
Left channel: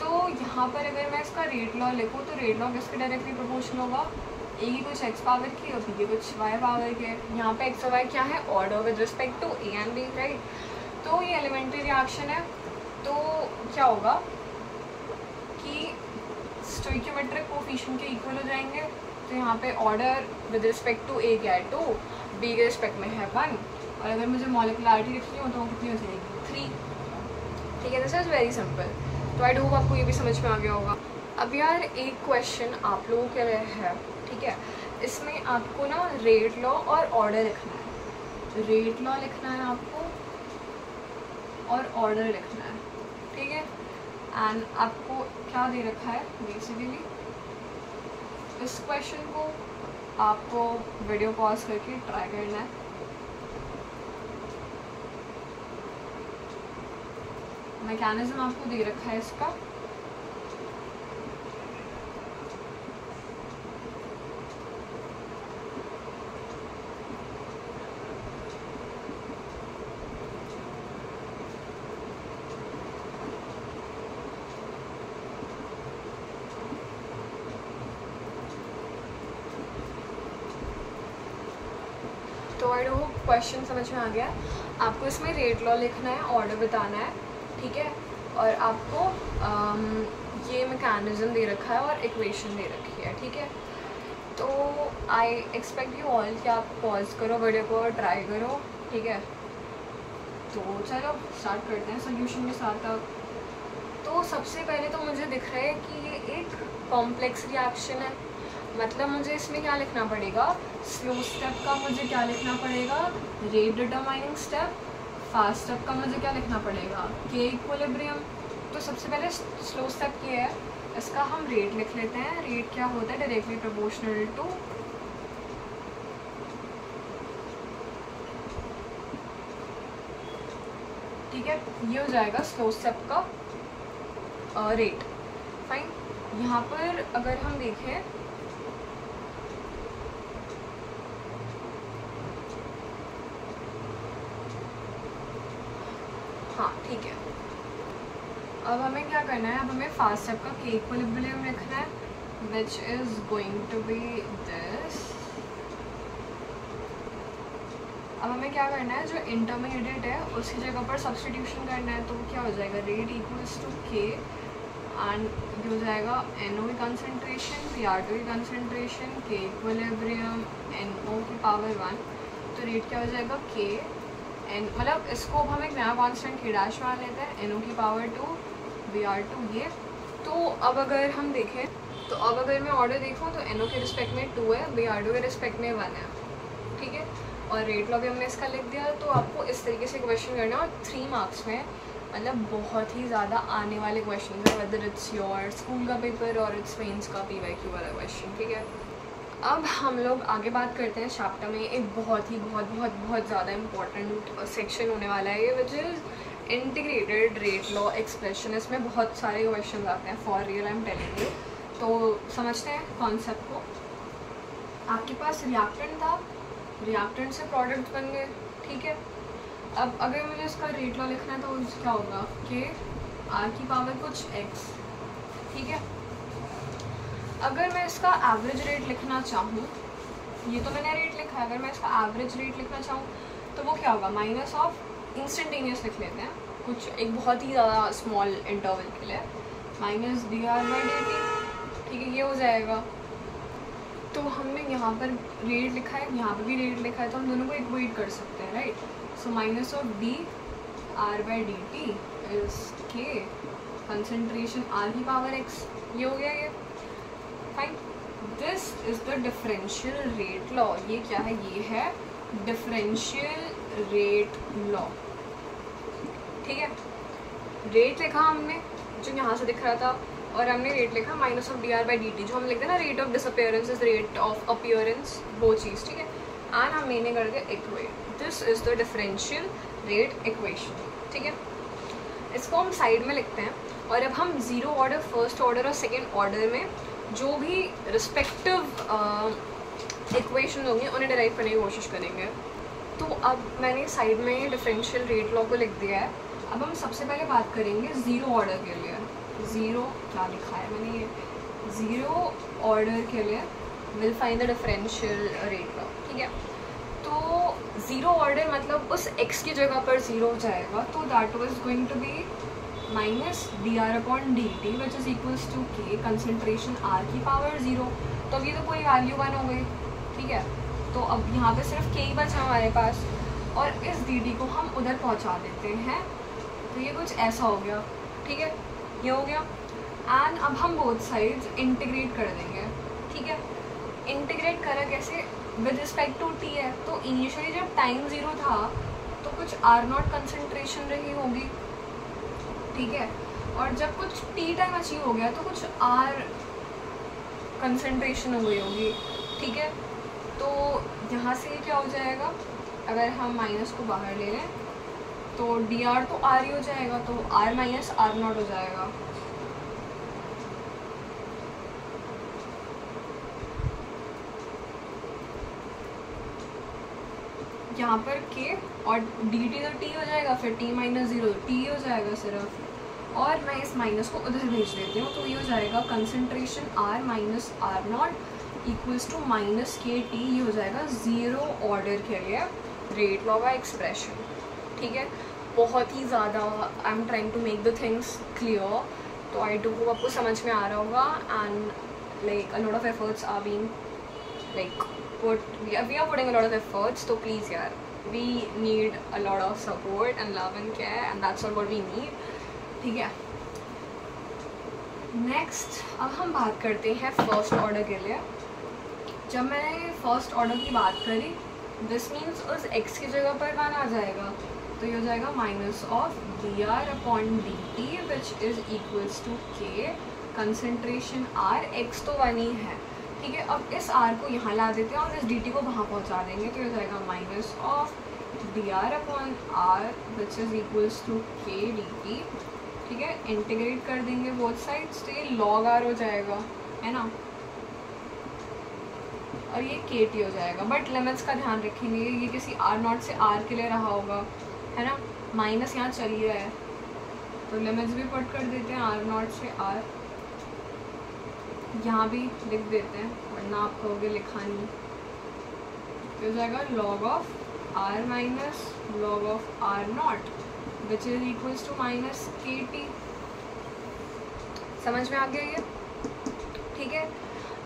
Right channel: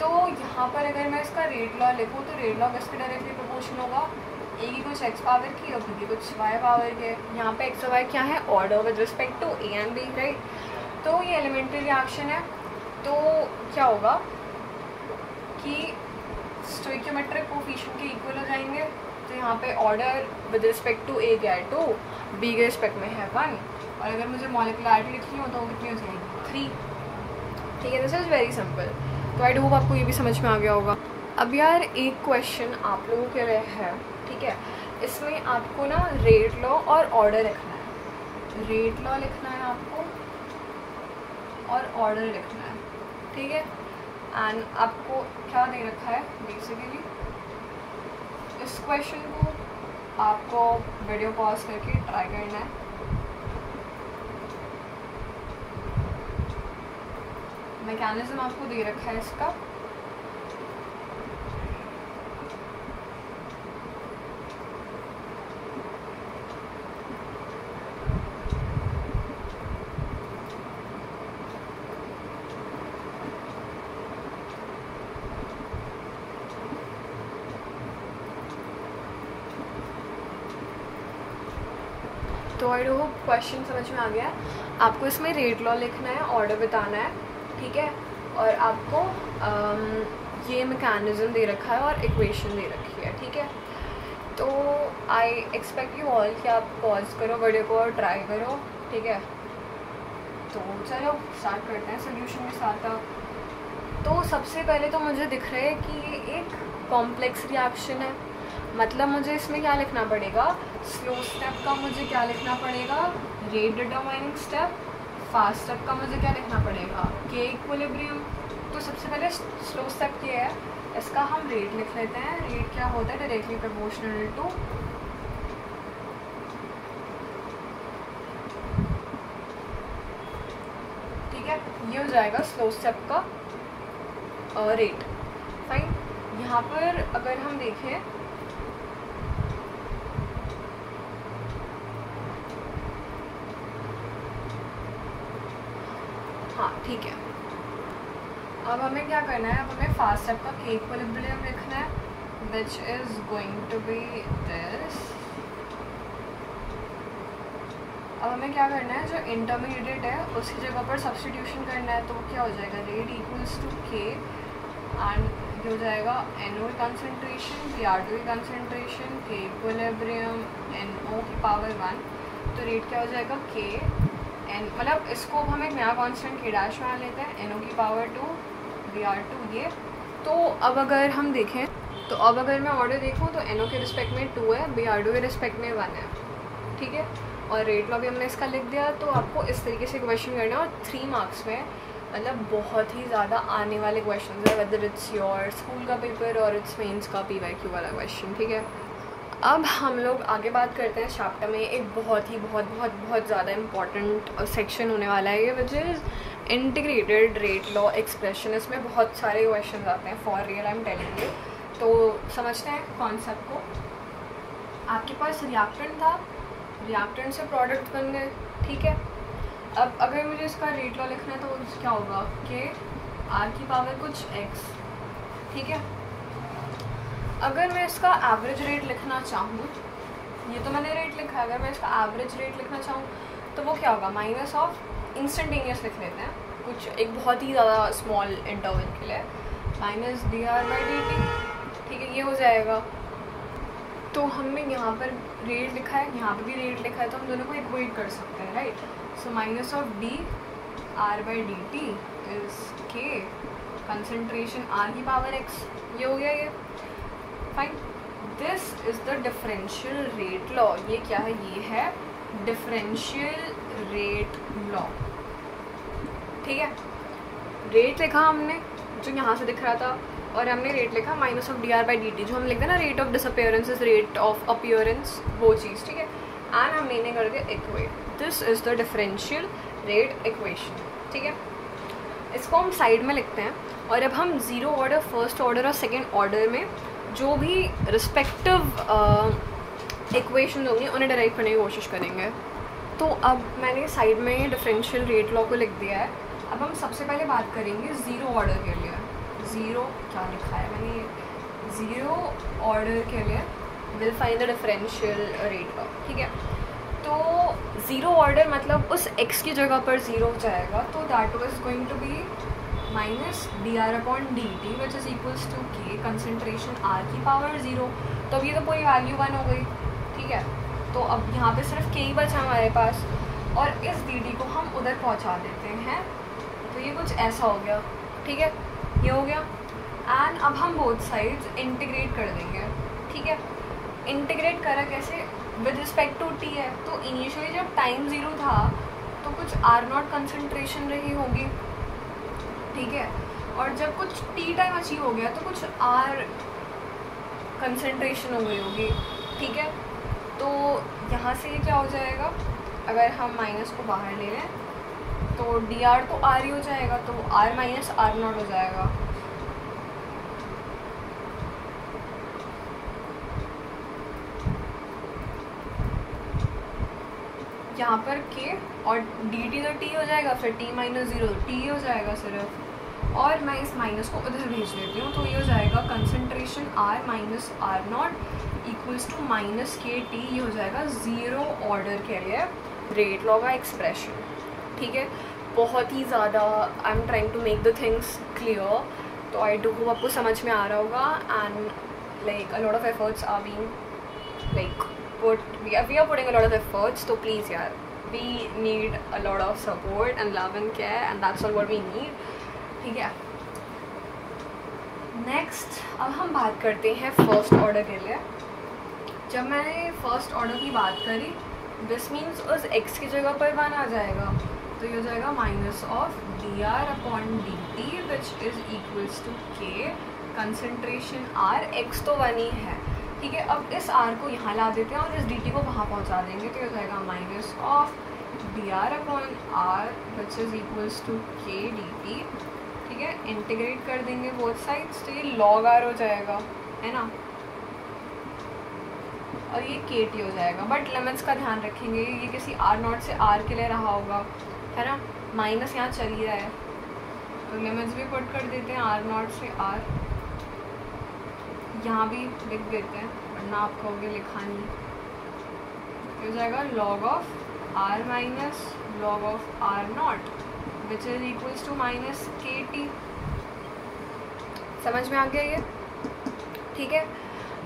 तो यहाँ पर अगर मैं इसका रेट लॉ लिखूँ तो रेट लॉ किसके डायरेक्टली प्रोपोर्शनल होगा? ए की कुछ एक्स पावर की और बी की कुछ वाई पावर के. यहाँ पे एक्स और वाई क्या है? Order with respect to A and B, right. तो ये एलिमेंट्री रिएक्शन है. तो क्या होगा कि स्टोइकियोमेट्रिक कोफिशिएंट के इक्वल हो जाएंगे. तो यहाँ पे ऑर्डर विद रिस्पेक्ट टू ए क्या है? 2, बी के रिस्पेक्ट में है 1. और अगर मुझे मॉलिक्यूलैरिटी लिखनी हो तो कितनी हो जाएगी? 3, ठीक है. This is very simple. तो आई होप आपको ये भी समझ में आ गया होगा. अब यार एक क्वेश्चन आप लोगों के लिए है, ठीक है. इसमें आपको ना रेट लॉ और ऑर्डर लिखना है. रेट लॉ लिखना है आपको और ऑर्डर लिखना है, ठीक है. एंड आपको क्या दे रखा है बेसिकली? इस क्वेश्चन को आपको वीडियो पॉज करके ट्राई करना है. मैकेनिज्म आपको दे रखा है इसका. तो आई होप क्वेश्चन समझ में आ गया. आपको इसमें रेट लॉ लिखना है, ऑर्डर बताना है, ठीक है. और आपको ये मैकेनिज्म दे रखा है और इक्वेशन दे रखी है, ठीक है. तो आई एक्सपेक्ट यू ऑल कि आप पॉज करो वीडियो को और ट्राई करो, ठीक है. तो चलो स्टार्ट करते हैं सोल्यूशन के साथ. तो सबसे पहले तो मुझे दिख रहा है कि ये एक कॉम्प्लेक्स रिएक्शन है. मतलब मुझे इसमें क्या लिखना पड़ेगा? स्लो स्टेप का मुझे क्या लिखना पड़ेगा? Rate determining step. Fast step का मुझे क्या लिखना पड़ेगा? के इक्विलिब्रियम. तो तो सबसे पहले स्लो स्टेप ये है, इसका हम रेट लिख लेते हैं। रेट क्या होता है? डायरेक्टली प्रोपोर्शनल टू ठीक है, ये हो जाएगा स्लो स्टेप का रेट। फाइन। यहाँ पर अगर हम देखें हाँ ठीक है, अब हमें क्या करना है? अब हमें फास्ट स्टेप का के इक्विलिब्रियम लिखना है, which is going to be this. अब हमें क्या करना है? जो इंटरमीडिएट है उसकी जगह पर सब्स्टिट्यूशन करना है, तो क्या हो जाएगा? रेट इक्वल्स टू के एंड हो जाएगा NO की कंसनट्रेशन, PR2 की कंसनट्रेशन, के इक्विलिब्रियम NO की पावर 1। तो रेट क्या हो जाएगा? के एन, मतलब इसको हम एक नया कॉन्स्टेंट के डैश मान लेते हैं, NO की पावर 2 VR2 ये। तो अब अगर हम देखें, तो अब अगर मैं ऑर्डर देखूँ तो NO के रिस्पेक्ट में 2 है, VR2 के रिस्पेक्ट में 1 है, ठीक है। और रेट लॉ भी हमने इसका लिख दिया। तो आपको इस तरीके से क्वेश्चन करना है, और 3 मार्क्स में मतलब बहुत ही ज़्यादा आने वाले क्वेश्चन है, वेदर इट्स योर स्कूल का पेपर और इट्स मेंस का PYQ वाला क्वेश्चन, ठीक है। अब हम लोग आगे बात करते हैं चैप्टर में एक बहुत ज़्यादा इम्पॉर्टेंट सेक्शन होने वाला है, which is integrated rate law expression. इसमें बहुत सारे क्वेश्चन आते हैं, for real I am telling you. तो समझते हैं कॉन्सेप्ट को। आपके पास रिएक्टेंट था, रिएक्टेंट से प्रोडक्ट बन गए, ठीक है। अब अगर मुझे इसका रेट लॉ लिखना है तो क्या होगा? कि R की पावर कुछ x, ठीक है। अगर मैं इसका एवरेज रेट लिखना चाहूँ, ये तो मैंने रेट लिखा है, अगर मैं इसका एवरेज रेट लिखना चाहूँ तो वो क्या होगा? माइनस ऑफ इंस्टेंटेनियस लिख लेते हैं, कुछ एक बहुत ही ज़्यादा स्मॉल इंटरवल के लिए, माइनस dr/dt, ठीक है, ये हो जाएगा। तो हमने यहाँ पर रेट लिखा है, यहाँ पर भी रेट लिखा है, तो हम दोनों को इक्वेट कर सकते हैं, right. So minus of dr/dt is k, concentration R की पावर x, ये हो गया ये। Fine. This is the differential rate law. ये क्या है? ये है डिफरेंशियल रेट लॉ, ठीक है। रेट लिखा हमने जो यहाँ से दिख रहा था, और हमने रेट लिखा माइनस ऑफ dr/dt, जो हम लिखते हैं ना rate of disappearance is rate of appearance, वो चीज़, ठीक है। एंड हमने इन्हें कर दिया equate. This is the differential rate equation, ठीक है। इसको हम साइड में लिखते हैं, और अब हम ज़ीरो ऑर्डर, फर्स्ट ऑर्डर और सेकेंड ऑर्डर में जो भी रिस्पेक्टिव इक्वेशन होंगे उन्हें डिराइव करने की कोशिश करेंगे। तो अब मैंने साइड में डिफरेंशियल रेट लॉ को लिख दिया है। अब हम सबसे पहले बात करेंगे ज़ीरो ऑर्डर के लिए। ज़ीरो क्या लिखा है मैंने? ज़ीरो ऑर्डर के लिए will find the differential rate law, ठीक है। तो ज़ीरो ऑर्डर मतलब उस x की जगह पर ज़ीरो हो जाएगा, तो that was going to be minus dr/dt which is equals to k, concentration R की पावर 0। तो अब ये तो पूरी वैल्यू 1 हो गई, ठीक है। तो अब यहाँ पे सिर्फ k ही बचा हमारे पास, और इस dt को हम उधर पहुँचा देते हैं, तो ये कुछ ऐसा हो गया, ठीक है, ये हो गया। एंड अब हम बोथ साइड्स इंटीग्रेट कर देंगे, ठीक है। इंटीग्रेट करा कैसे? विद रिस्पेक्ट टू t है, तो इनिशियली जब टाइम 0 था तो कुछ R0 कंसनट्रेशन रही होगी, ठीक है। और जब कुछ t टाइम अचीव हो गया तो कुछ R कंसनट्रेशन हो गई होगी, ठीक है। तो यहाँ से क्या हो जाएगा? अगर हम माइनस को बाहर ले लें तो dr तो R ही हो जाएगा, तो R माइनस R0 हो जाएगा। यहाँ पर k और dt तो t हो जाएगा, फिर t माइनस 0 t हो जाएगा सिर्फ, और मैं इस माइनस को उधर भेज देती हूँ, तो ये हो जाएगा concentration R minus R0 equals to minus KT। ये हो जाएगा ज़ीरो ऑर्डर के लिए रेट लॉ का एक्सप्रेशन, ठीक है। बहुत ही ज़्यादा I am trying to make the things clear, तो आई डू होप आपको समझ में आ रहा होगा। And like a lot of efforts are being like we are putting a lot of efforts, so please yaar, we need a lot of support and love and care, and that's all what we need, ठीक है। Next अब हम बात करते हैं first order के लिए। जब मैंने फर्स्ट ऑर्डर की बात करी, दिस मीन्स उस x की जगह पर 1 आ जाएगा, तो ये हो जाएगा minus of D R upon D T which is equals to K concentration R, x तो 1 ही है, ठीक है। अब इस आर को यहाँ ला देते हैं और इस डी टी को वहाँ पहुँचा देंगे, तो ये हो जाएगा minus of D R upon R which is equals to K D T, ठीक है। इंटीग्रेट कर देंगे बोथ साइड्स, तो ये लॉग आर हो जाएगा, है ना, और ये के टी हो जाएगा। बट लिमिट्स का ध्यान रखेंगे, ये किसी आर नॉट से आर के लिए रहा होगा, है ना, माइनस यहाँ चल ही रहा है, तो लिमिट्स भी पुट कर देते हैं आर नॉट से आर, यहाँ भी लिख देते हैं वरना आप कहोगे लिखा नहीं, तो हो जाएगा log of R minus log of R naught which is equals to minus K T. समझ में आ गया ये, ठीक है।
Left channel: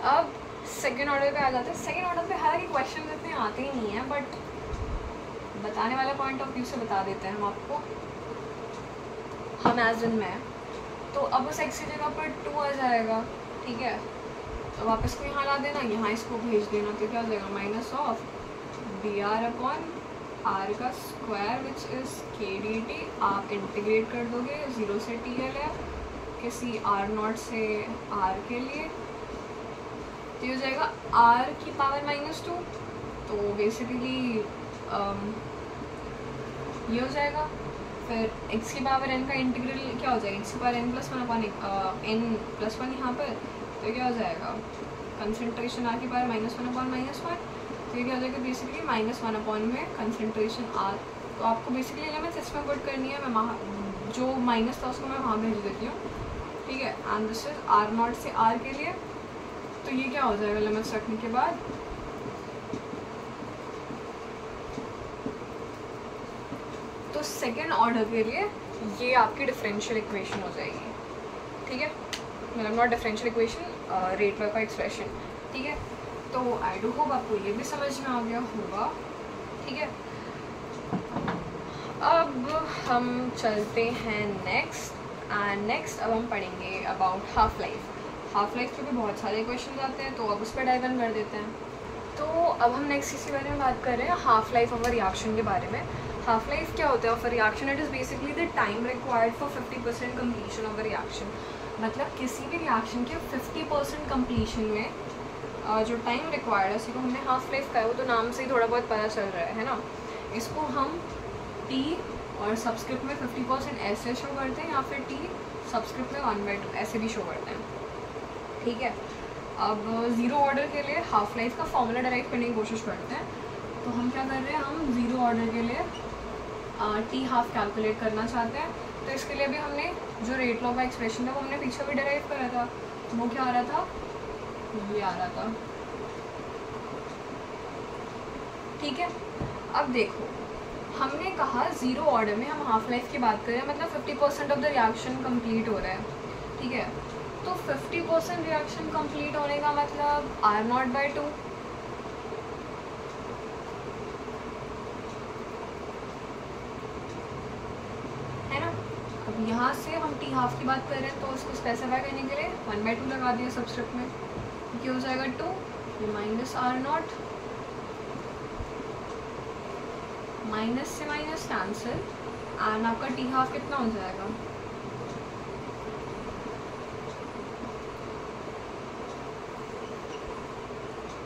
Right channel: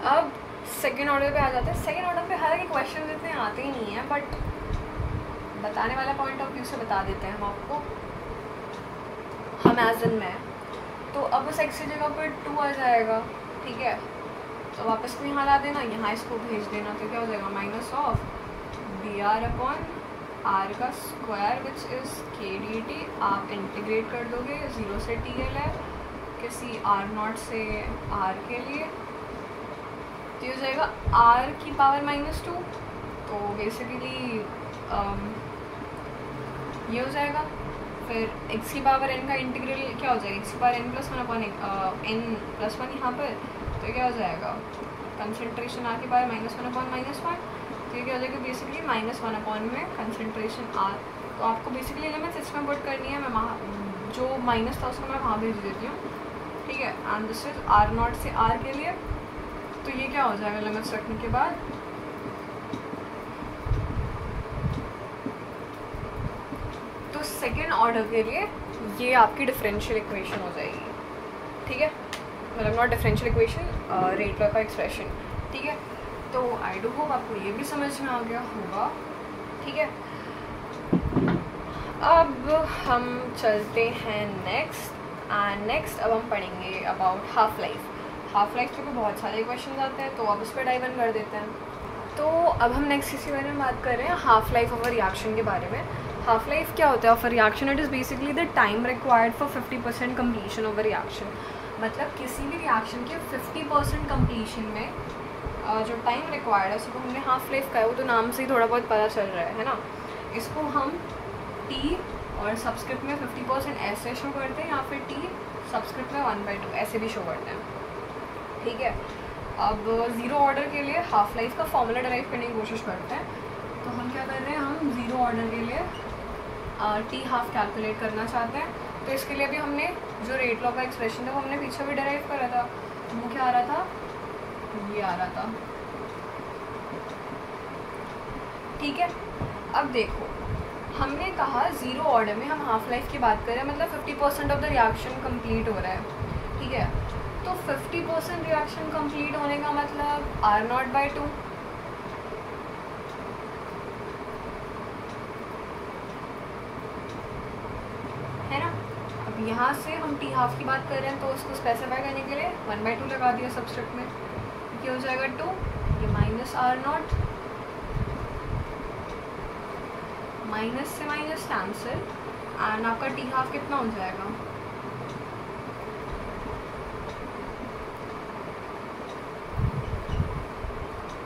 अब सेकेंड ऑर्डर पे आ जाते हैं। सेकेंड ऑर्डर पे हालांकि क्वेश्चन इतने आते ही नहीं हैं, बट बताने वाला पॉइंट ऑफ व्यू से बता देते हैं हम आपको, हम एज इन में, तो अब उस एक्स की जगह पर 2 आ जाएगा, ठीक है। तो वापस को यहाँ ला देना, यहाँ इसको भेज देना, तो क्या हो जाएगा minus of D R upon R का square which is K D T. आप इंटीग्रेट कर दोगे, 0 से टी एल है किसी आर नॉट से आर के लिए, तो ये हो जाएगा आर की पावर -2, तो बेसिकली ये हो जाएगा। फिर x की पावर n का इंटीग्रल क्या हो जाएगा, x की power n plus 1 upon n+1 यहाँ पर, तो क्या हो जाएगा कंसनट्रेशन आर की पावर -1 अपॉन -1, तो ये क्या हो जाएगा बेसिकली -1 अपॉन में कंसनट्रेशन आर। तो आपको बेसिकली लिमिट्स इसमें पुट करनी है, मैं वहाँ जो माइनस था उसको मैं वहाँ भेज देती हूँ, ठीक है। And this is R naught से आर के लिए, तो ये क्या हो जाएगा लिमिट्स रखने के बाद, तो सेकेंड ऑर्डर के लिए ये आपकी डिफरेंशियल इक्वेशन हो जाएगी, ठीक है, मतलब not differential equation, rate law का एक्सप्रेशन, ठीक है। तो आई डू होप आपको ये भी समझ में आ गया होगा, ठीक है। अब हम चलते हैं नेक्स्ट, एंड नेक्स्ट अब हम पढ़ेंगे about half life. Half life के भी बहुत सारे क्वेश्चन आते हैं, तो अब उस पर डाइव इन कर देते हैं। तो अब हम नेक्स्ट इसी बारे में बात कर रहे हैं half life of a reaction के बारे में। हाफ लाइफ क्या होता है of a reaction? It is basically the time required for 50% completion of a reaction. मतलब किसी भी रिएक्शन के 50% कम्प्लीशन में जो टाइम रिक्वायर्ड है उसको हमने हाफ लाइफ का है, वो तो नाम से ही थोड़ा बहुत पता चल रहा है ना। इसको हम टी और सब्सक्रिप्ट में 50% ऐसे शो करते हैं, या फिर टी सब्सक्रिप्ट में 1/2 ऐसे भी शो करते हैं, ठीक है। अब ज़ीरो ऑर्डर के लिए हाफ लाइफ का फॉर्मूला डिराइव करने की कोशिश करते हैं। तो हम क्या कर रहे हैं, हम ज़ीरो ऑर्डर के लिए टी हाफ कैलकुलेट करना चाहते हैं। तो इसके लिए भी हमने जो रेट लॉ का एक्सप्रेशन था वो हमने पीछे भी डिराइव करा था। वो क्या आ रहा था, ये आ रहा था, ठीक है। अब देखो हमने कहा ज़ीरो ऑर्डर में हम हाफ लाइफ की बात करें, मतलब 50% ऑफ द रिएक्शन कंप्लीट हो रहा है, ठीक है। तो 50% रिएक्शन कंप्लीट होने का मतलब R0/2, है ना। अब यहाँ से हम टी हाफ की बात कर रहे हैं, तो इसको स्पेसिफाई करने के लिए 1/2 लगा दिया सब्सक्रिप्ट में, क्या हो जाएगा 2, ये -R0, माइनस से माइनस कैंसिल, एंड आपका टी हाफ कितना हो जाएगा,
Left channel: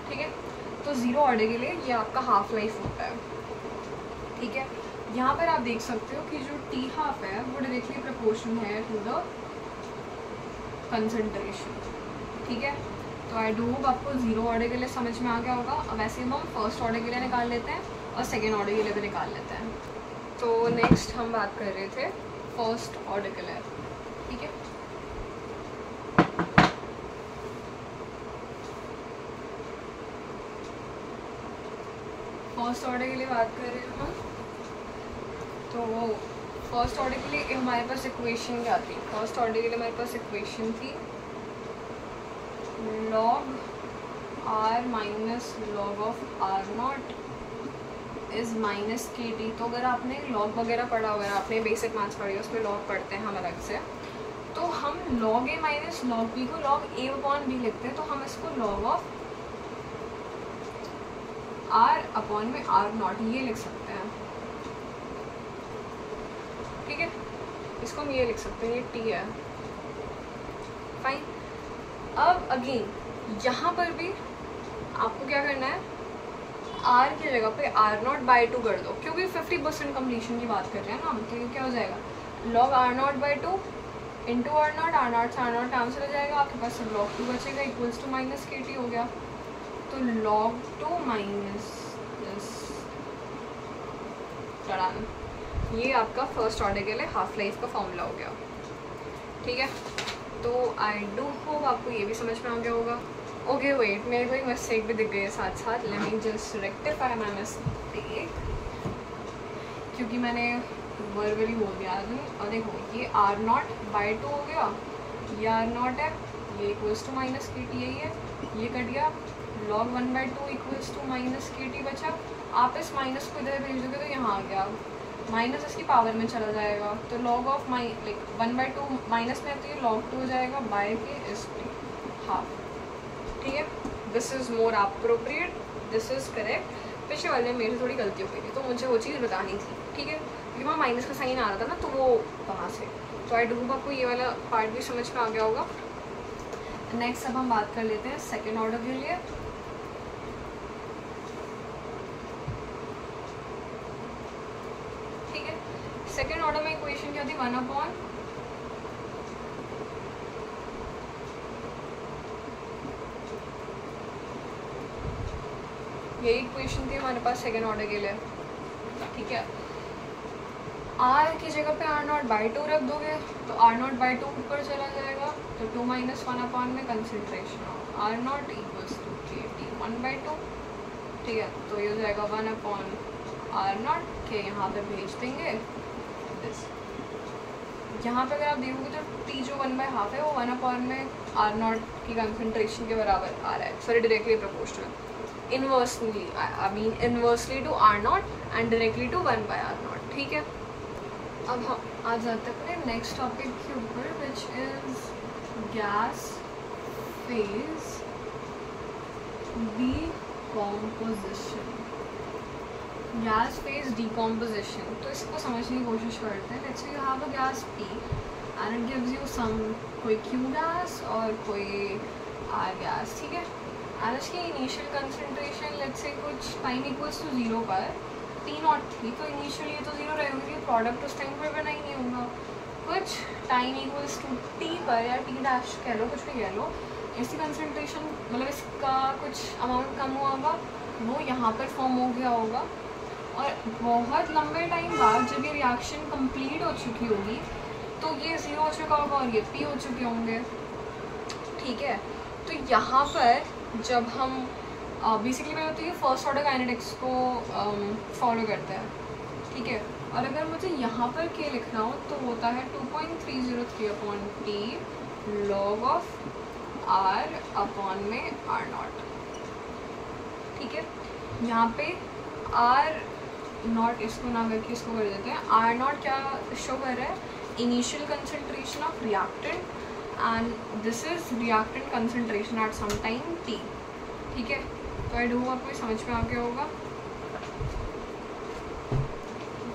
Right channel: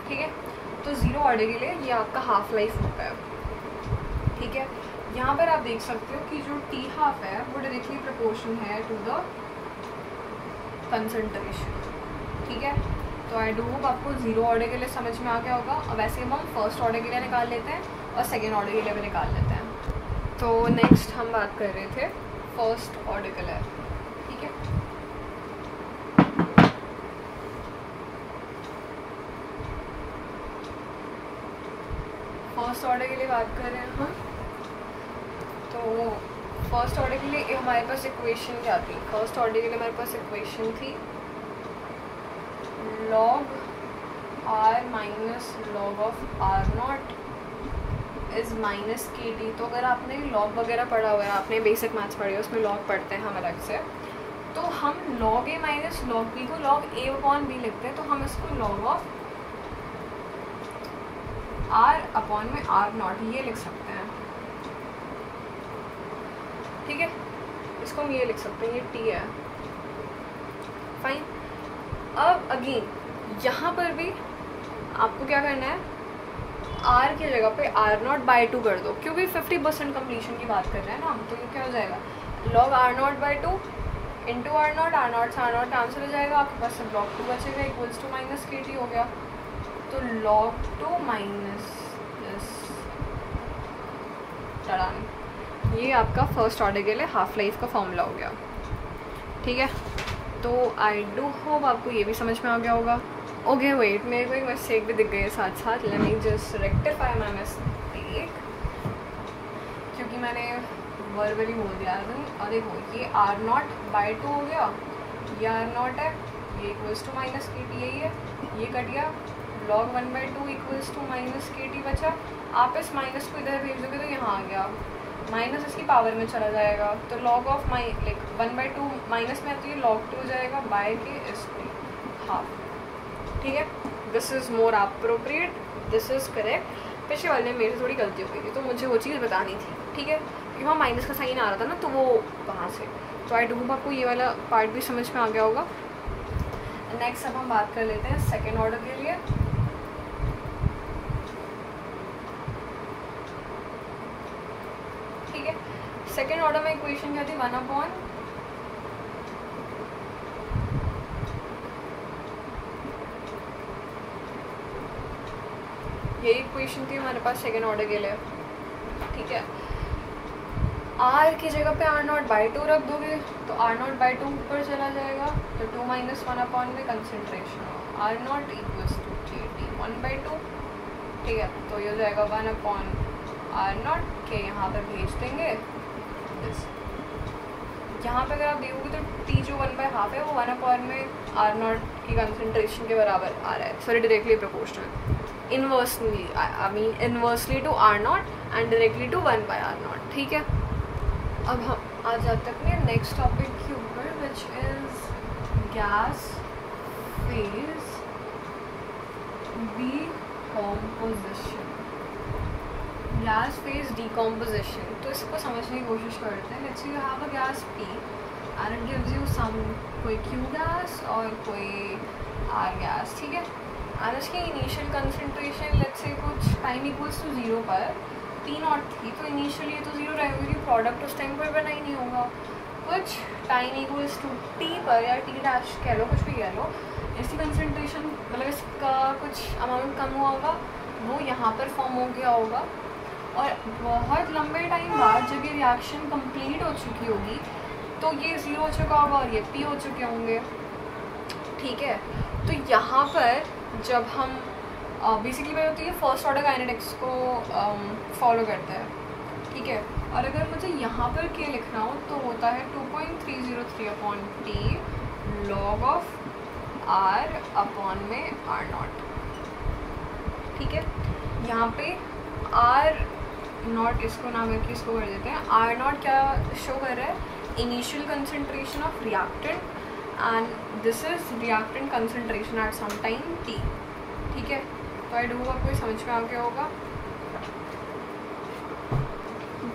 ठीक है। तो ज़ीरो ऑर्डर के लिए ये आपका हाफ लाइफ होता है, ठीक है। यहाँ पर आप देख सकते हो कि जो टी हाफ है वो डायरेक्टली प्रोपोर्शन है टू द कंसंट्रेशन, ठीक है। तो आई डू होप आपको ज़ीरो ऑर्डर के लिए समझ में आ गया होगा। अब वैसे हम फर्स्ट ऑर्डर के लिए निकाल लेते हैं और सेकेंड ऑर्डर के लिए भी निकाल लेते हैं। तो नेक्स्ट हम बात कर रहे थे फर्स्ट ऑर्डर के लिए, ठीक है। फर्स्ट ऑर्डर के लिए बात कर रहे हैं हम, तो फर्स्ट ऑर्डर के लिए हमारे पास इक्वेशन क्या थी, फर्स्ट ऑर्डर के लिए हमारे पास इक्वेशन थी log r minus log of R0 is -KT। तो अगर आपने लॉग वगैरह पढ़ा हुआ है, आपने बेसिक मैथ्स पढ़े हो, उसमें लॉग पढ़ते हैं हम अलग से, तो हम log a minus log b को log a/b लिखते हैं। तो हम इसको log ऑफ r अपॉन में R0 ये लिख सकते हैं, ठीक है, इसको हम ये लिख सकते हैं, ये टी है, फाइन। अब अगेन यहाँ पर भी आपको क्या करना है, आर की जगह पे R0/2 कर दो, क्योंकि 50% कम्प्लीशन की बात कर रहे हैं ना हम। तो ये क्या हो जाएगा, log R0/2 into R0, R0 से R0 कैंसिल हो जाएगा, आपके पास सब log 2 बचेगा, इक्वल्स टू माइनस KT हो गया। तो log 2 माइनस प्लस टरान, ये आपका फर्स्ट ऑर्डर के लिए हाफ लाइफ का फॉर्मूला हो गया। ठीक है, तो आई डू होप आपको ये भी समझ में आ गया होगा। ओके वेट, मेरे को एक मिस्टेक भी दिख गई है साथ साथ, let me just rectify my mistake, क्योंकि मैंने वर्बली बोल दिया था। और देखो ये R0/2 हो गया, ये R0 है, ये इक्वल्स टू माइनस KT, यही है, ये कट गया, log 1/2 equals to minus KT बचा। आप इस माइनस को इधर भेज दोगे तो यहाँ आ गया, माइनस इसकी पावर में चला जाएगा, तो log ऑफ 1/2 माइनस में तो ये log 2 हो जाएगा बाय के इस पे हाफ। ठीक है, this is more appropriate, this is correct. पिछले वाले में मेरी थोड़ी गलती हो गई थी, तो मुझे वो चीज़ बतानी थी। ठीक है, क्योंकि वहाँ माइनस का साइन आ रहा था ना, तो वो वहाँ से। तो आई डोंट आपको ये वाला पार्ट भी समझ में आ गया होगा। नेक्स्ट अब हम बात कर लेते हैं सेकेंड ऑर्डर के लिए। ठीक है, सेकेंड ऑर्डर में इक्वेशन क्या थी, 1/, ये इक्वेशन थी हमारे पास सेकेंड ऑर्डर के लिए। ठीक है, आर की जगह पे R0/2 रख दोगे तो R0/2 ऊपर चला जाएगा, तो 2 - 1/, में concentration R0 equals to KT 1/2। ठीक है, तो ये हो जाएगा 1/R0 के यहाँ पर भेज देंगे। यहाँ पर अगर आप देखोगे तो T जो 1/2 है वो 1/, में R0 की कंसंट्रेशन के बराबर आ रहा है, sorry directly proportional, inversely I mean inversely to R0 and directly to 1/R0। ठीक है, अब हम आ जाते हैं अपने नेक्स्ट टॉपिक के ऊपर, which is gas phase decomposition. Gas phase decomposition, तो इसको समझने की कोशिश करते हैं। Let's say you have a gas P and it gives you some कोई Q गैस और कोई R गैस। ठीक है, और इसकी इनिशियल कंसंट्रेशन लेट्स से कुछ टाइम इक्वल्स टू 0 पर P0 थी, तो इनिशियली तो 0 रहेगा, क्योंकि प्रोडक्ट उस टाइम पर बना ही नहीं होगा। कुछ टाइम इक्वल्स टू T पर या T डैश कह लो, कुछ भी कह लो, इसकी कंसंट्रेशन मतलब इसका कुछ अमाउंट कम हुआ होगा, वो यहाँ पर फॉर्म हो गया होगा। और बहुत लंबे टाइम बाद जब ये रिएक्शन कंप्लीट हो चुकी होगी तो ये 0 हो चुका होगा और ये P हो चुके होंगे। ठीक है, तो यहाँ पर जब हम बेसिकली वही होती है फर्स्ट ऑर्डर काइनेटिक्स को फॉलो करता है। ठीक है, और अगर मुझे यहाँ पर क्या लिखना हो तो होता है 2.303/T log ऑफ R/, में R0। ठीक है, यहाँ पे R0 इसको ना करके इसको कर देते हैं। R0 क्या शो कर रहा है, initial concentration of reactant and this is reactant concentration at some time T। ठीक है, तो आई डू आपको समझ में आ गया होगा।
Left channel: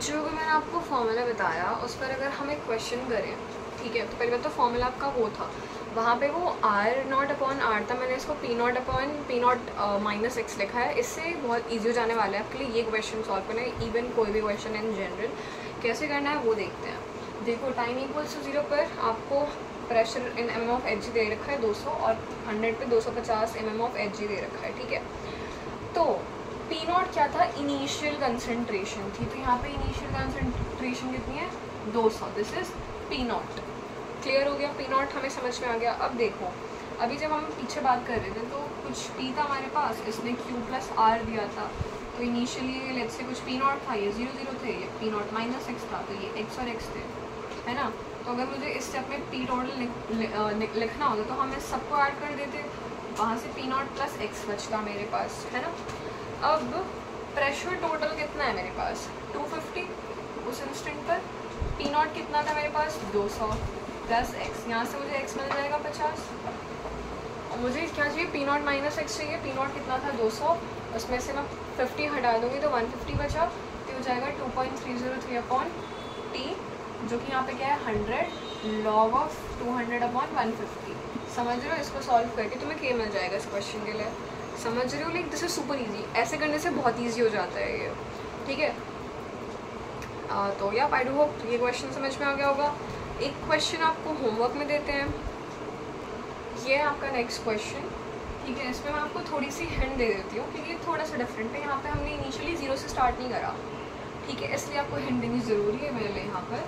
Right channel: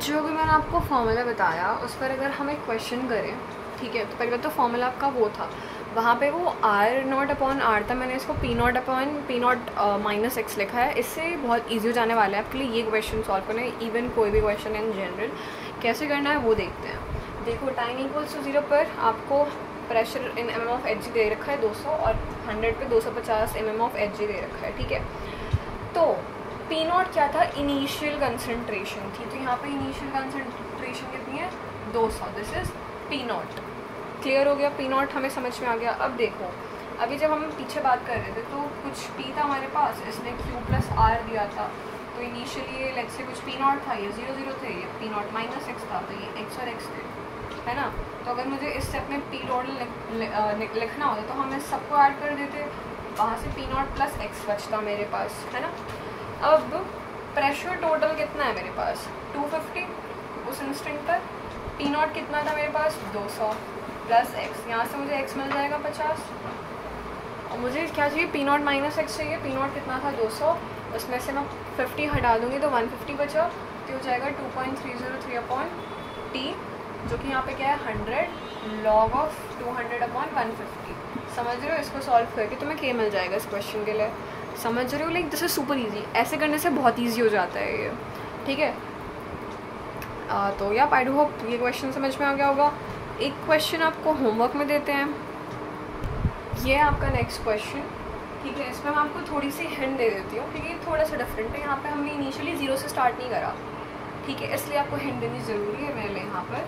जो भी मैंने आपको फॉर्मूला बताया उस पर अगर हम एक क्वेश्चन करें, ठीक है, तो पहले तो फॉर्मूला आपका वो था, वहाँ पे वो R0/R था, मैंने इसको P0 - X लिखा है। इससे बहुत ईजी हो जाने वाला है आपके लिए ये क्वेश्चन सॉल्व करना, इवन कोई भी क्वेश्चन इन जनरल कैसे करना है वो देखते हैं। देखो टाइम इक्वल्स टू 0 पर आपको प्रेशर इन mm(Hg) दे रखा है 200 और 100 पे 250 mm(Hg) दे रखा है। ठीक है, तो P0 क्या था, इनिशियल कंसंट्रेशन थी, तो यहाँ पे इनिशियल कंसंट्रेशन कितनी है, 200, दिस इज P0। क्लियर हो गया, P0 हमें समझ में आ गया। अब देखो, अभी जब हम पीछे बात कर रहे थे तो कुछ T था हमारे पास, इसने Q+R दिया था, तो इनिशियली लेट्स से कुछ P0 था, ये 0 0 थे, ये P0 - X था, तो ये X और X थे, है ना। तो अगर मुझे इस स्टेप में P टोटल लिखना होता तो हम इस सबको ऐड कर देते, वहाँ से P0 + X बचता मेरे पास, है ना। अब प्रेशर टोटल कितना है मेरे पास, 250 उस इंस्टेंट पर। P0 कितना था मेरे पास, 200 + X, यहाँ से मुझे X मिल जाएगा 50, और मुझे क्या चाहिए, P0 - X चाहिए। P0 कितना था, 200, उसमें से मैं 50 हटा दूँगी तो 150 बचा, तो हो जाएगा 2.303/T जो कि यहाँ पे क्या है 100 log of 200/150। समझ रहे हो? इसको सॉल्व करके तुम्हें के मिल जाएगा इस क्वेश्चन के लिए। समझ रहे हो? Like this is super easy. ऐसे करने से बहुत ईजी हो जाता है ये, ठीक है। तो या आई डू होप ये क्वेश्चन समझ में आ गया होगा। एक क्वेश्चन आपको होमवर्क में देते हैं, ये है आपका नेक्स्ट क्वेश्चन, ठीक है। इसमें मैं आपको थोड़ी सी हिंट दे देती हूँ क्योंकि थोड़ा सा डिफरेंट है। यहाँ पे हमने इनिशियली 0 से स्टार्ट नहीं करा, ठीक है, इसलिए आपको हिंट देनी ज़रूरी है मेरे लिए। यहाँ पर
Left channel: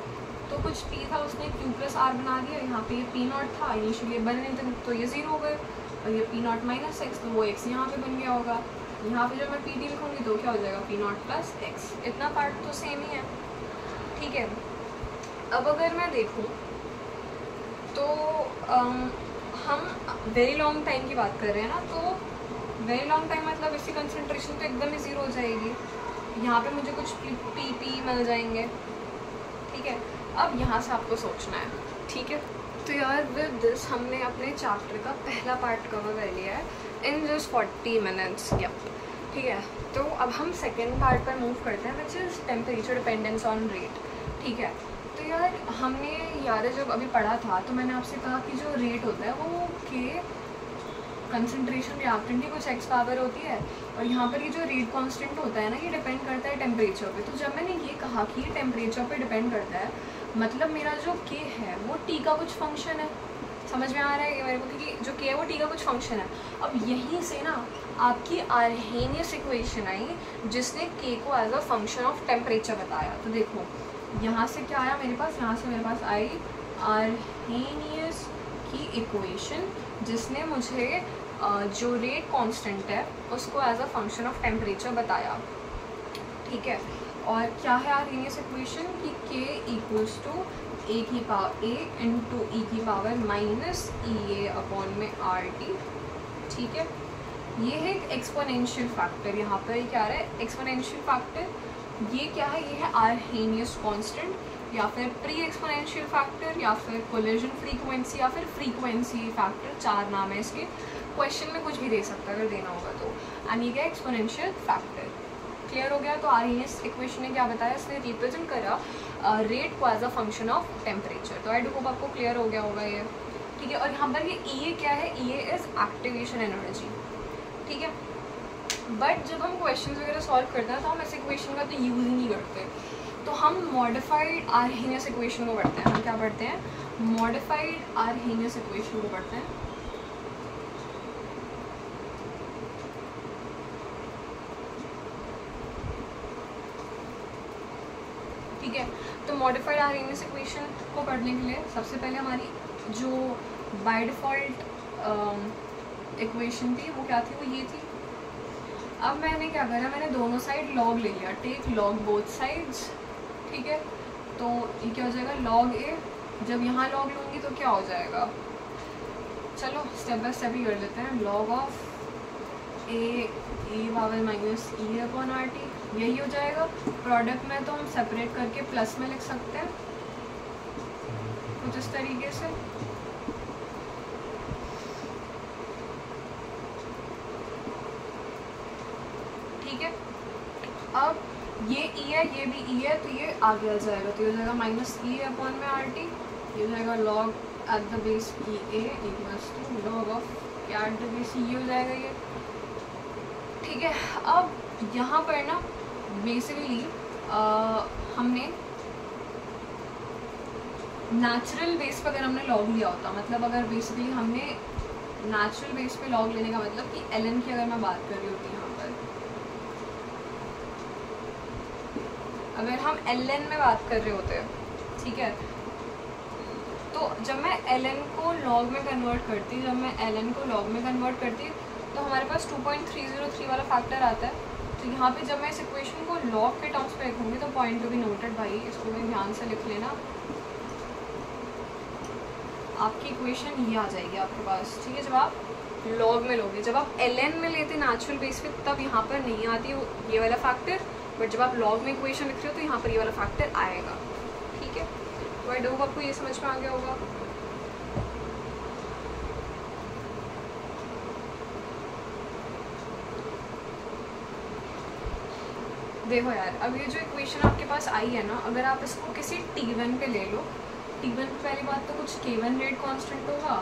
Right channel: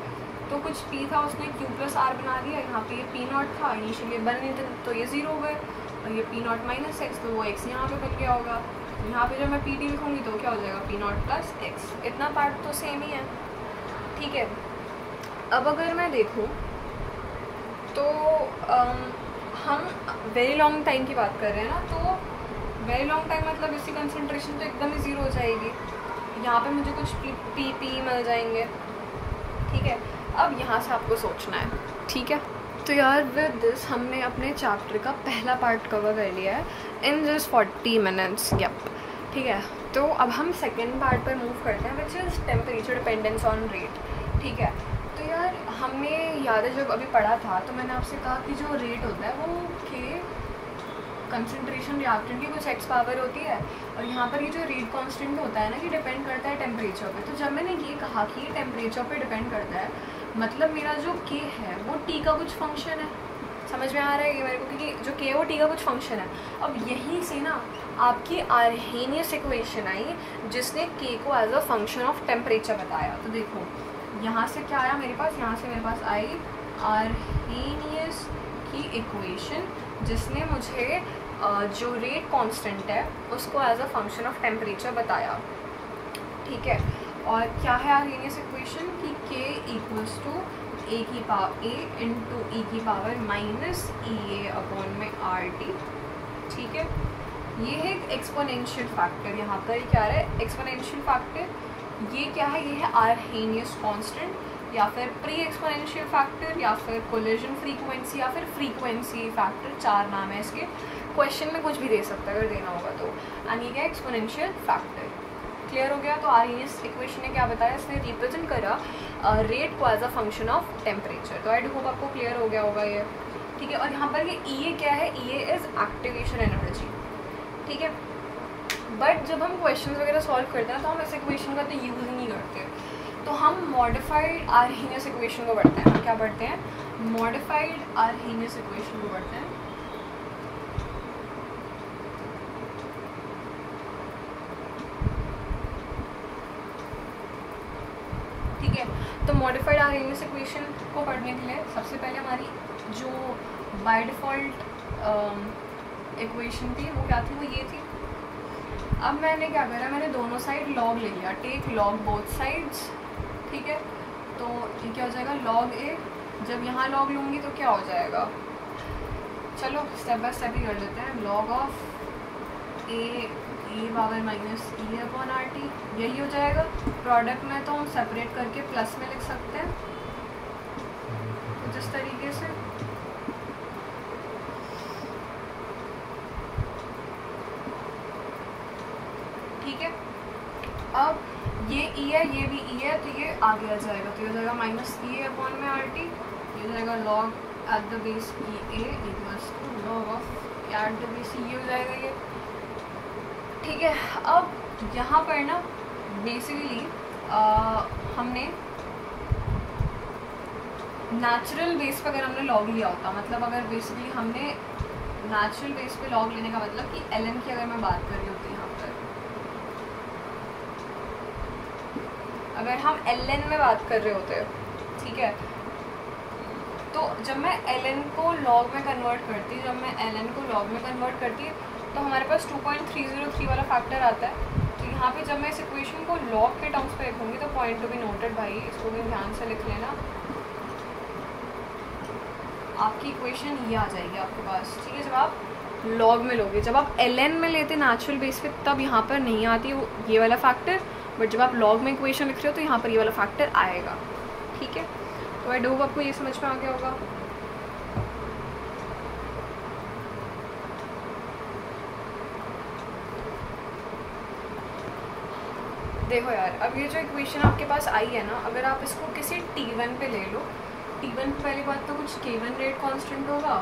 तो कुछ p था, उसने q+r बना दिया। यहाँ पे ये p0 था, इनिशियली बन नहीं था तो ये 0 हो गए, और ये p0 - x तो वो x यहाँ पे बन गया होगा। यहाँ पे जब मैं pt लिखूँगी तो क्या हो जाएगा p0 + x। इतना पार्ट तो सेम ही है, ठीक है। अब अगर मैं देखूँ तो हम वेरी लॉन्ग टाइम की बात कर रहे हैं ना, तो वेरी लॉन्ग टाइम मतलब इसकी कंसंट्रेशन तो एकदम ही 0 हो जाएगी। यहाँ पे मुझे कुछ p मिल जाएंगे, ठीक है। अब यहाँ से आपको सोचना है, ठीक है। तो यार विद दिस हमने अपने चैप्टर का पहला पार्ट कवर कर लिया है इन दिस 40 मिनट्स, यप, ठीक है। तो अब हम सेकेंड पार्ट पर मूव करते हैं, which is temperature dependence on rate, ठीक है। तो यार हमने याद है जब अभी पढ़ा था तो मैंने आपसे कहा कि जो रेट होता है वो के कंसंट्रेशन रिएक्टेंट की कुछ x पावर होती है, और यहाँ पर ये जो रेट कांस्टेंट होता है ना, ये डिपेंड करता है टेम्परेचर पे। तो जब मैंने ये कहा कि ये टेम्परेचर पे डिपेंड करता है, मतलब मेरा जो k है वो t का कुछ फंक्शन है। समझ में आ रहा है ये मेरे को कि जो k है वो t का कुछ फंक्शन है। अब यहीं से ना आपकी आर्हेनियस इक्वेशन आई जिसने k को as a function of temperature बताया। तो देखो यहाँ से क्या आया मेरे पास, यहाँ से मेरे पास आई आर्हेनियस की इक्वेशन जिसने मुझे जो रेट कांस्टेंट है उसको as a function of temperature बताया, ठीक है। और क्या है आर्हेनियस इक्वेशन कि k equals to a into e की पावर -EA/RT, ठीक है। ये है एक एक्सपोनेंशियल फैक्टर। यहाँ पर क्या रहा है एक्सपोनेंशियल फैक्टर, ये क्या है, ये है आर्हेनियस कांस्टेंट या फिर प्री एक्सपोनेंशियल फैक्टर या फिर कोलिजन फ्रीक्वेंसी या फिर फ्रीक्वेंसी फैक्टर, 4 नाम है इसके। क्वेश्चन में कुछ भी दे सकता है अगर देना होगा तो। यानी क्या एक्सपोनेंशियल फैक्टर, क्लियर हो गया। तो आर्हेनियस इक्वेशन ने क्या बताया, इसने रिप्रेजेंट करा रेट को as a function of temperature. तो आई होप आपको क्लियर हो गया होगा ये, ठीक है। और यहाँ पर ये EA क्या है, EA इज एक्टिवेशन एनर्जी, ठीक है। बट जब हम क्वेश्चन वगैरह सॉल्व करते हैं तो हम ऐसे इक्वेशन का तो यूज़ ही नहीं करते, तो हम मॉडिफाइड आर्हेनियस इक्वेशन को पढ़ते हैं। हम क्या पढ़ते हैं, मॉडिफाइड आर्हेनियस इक्वेशन को पढ़ते हैं, ठीक है। तो मॉडिफाइड आर्हेनियस इक्वेशन को पढ़ने के लिए सबसे पहले हमारी जो बाय डिफ़ॉल्ट इक्वेशन थी वो क्या थी, वो ये थी। अब मैंने क्या करा, मैंने दोनों साइड लॉग ले लिया, टेक लॉग बोथ साइड्स, ठीक है। तो ये क्या हो जाएगा log a, जब यहाँ log लूँगी तो क्या हो जाएगा, चलो स्टेप बाय स्टेप ही कर लेते हैं। log ऑफ a e⁻⁻e/RT यही हो जाएगा। प्रोडक्ट में तो हम सेपरेट करके प्लस में लिख सकते हैं कुछ इस तरीके से, ठीक है। अब ये E है, ये भी E है, तो ये आगे आ जाएगा, तो ये हो जाएगा -EA/RT, ये हो जाएगा log at the base EA equals to log of at the base ये हो जाएगा ये, ठीक है। अब यहाँ पर ना बेसिकली हमने नेचुरल बेस पे अगर हमने लॉग लिया होता, मतलब अगर बेसिकली हमने नेचुरल बेस पे लॉग लेने का मतलब कि ln की अगर मैं बात कर रही होती यहाँ पर, अगर हम ln में बात कर रहे होते, ठीक है, तो जब मैं ln को log में कन्वर्ट करती, जब मैं ln को log में कन्वर्ट करती तो हमारे पास 2.303 वाला फैक्टर आता है। तो यहाँ पे जब मैं इस इक्वेशन को log के टर्म्स पे लिखूँगी तो पॉइंट टू बी नोटेड भाई, इसको भी ध्यान से लिख लेना, आपकी इक्वेशन ये आ जाएगी आपके पास, ठीक है। जब आप log में लोगे, जब आप ln में लेते नेचुरल बेस पे तब यहाँ पर नहीं आती ये वाला फैक्टर, बट जब आप log में इक्वेशन लिख रहे हो तो यहाँ पर ये वाला फैक्टर आएगा, ठीक है। तो आई होप आपको ये समझ में आ गया होगा। देखो यार, अब ये जो इक्वेशन आपके पास आई है ना, अगर आप इसको किसी T1 पे ले लो, T1 पे पहली बात तो कुछ K1 रेट कांस्टेंट होगा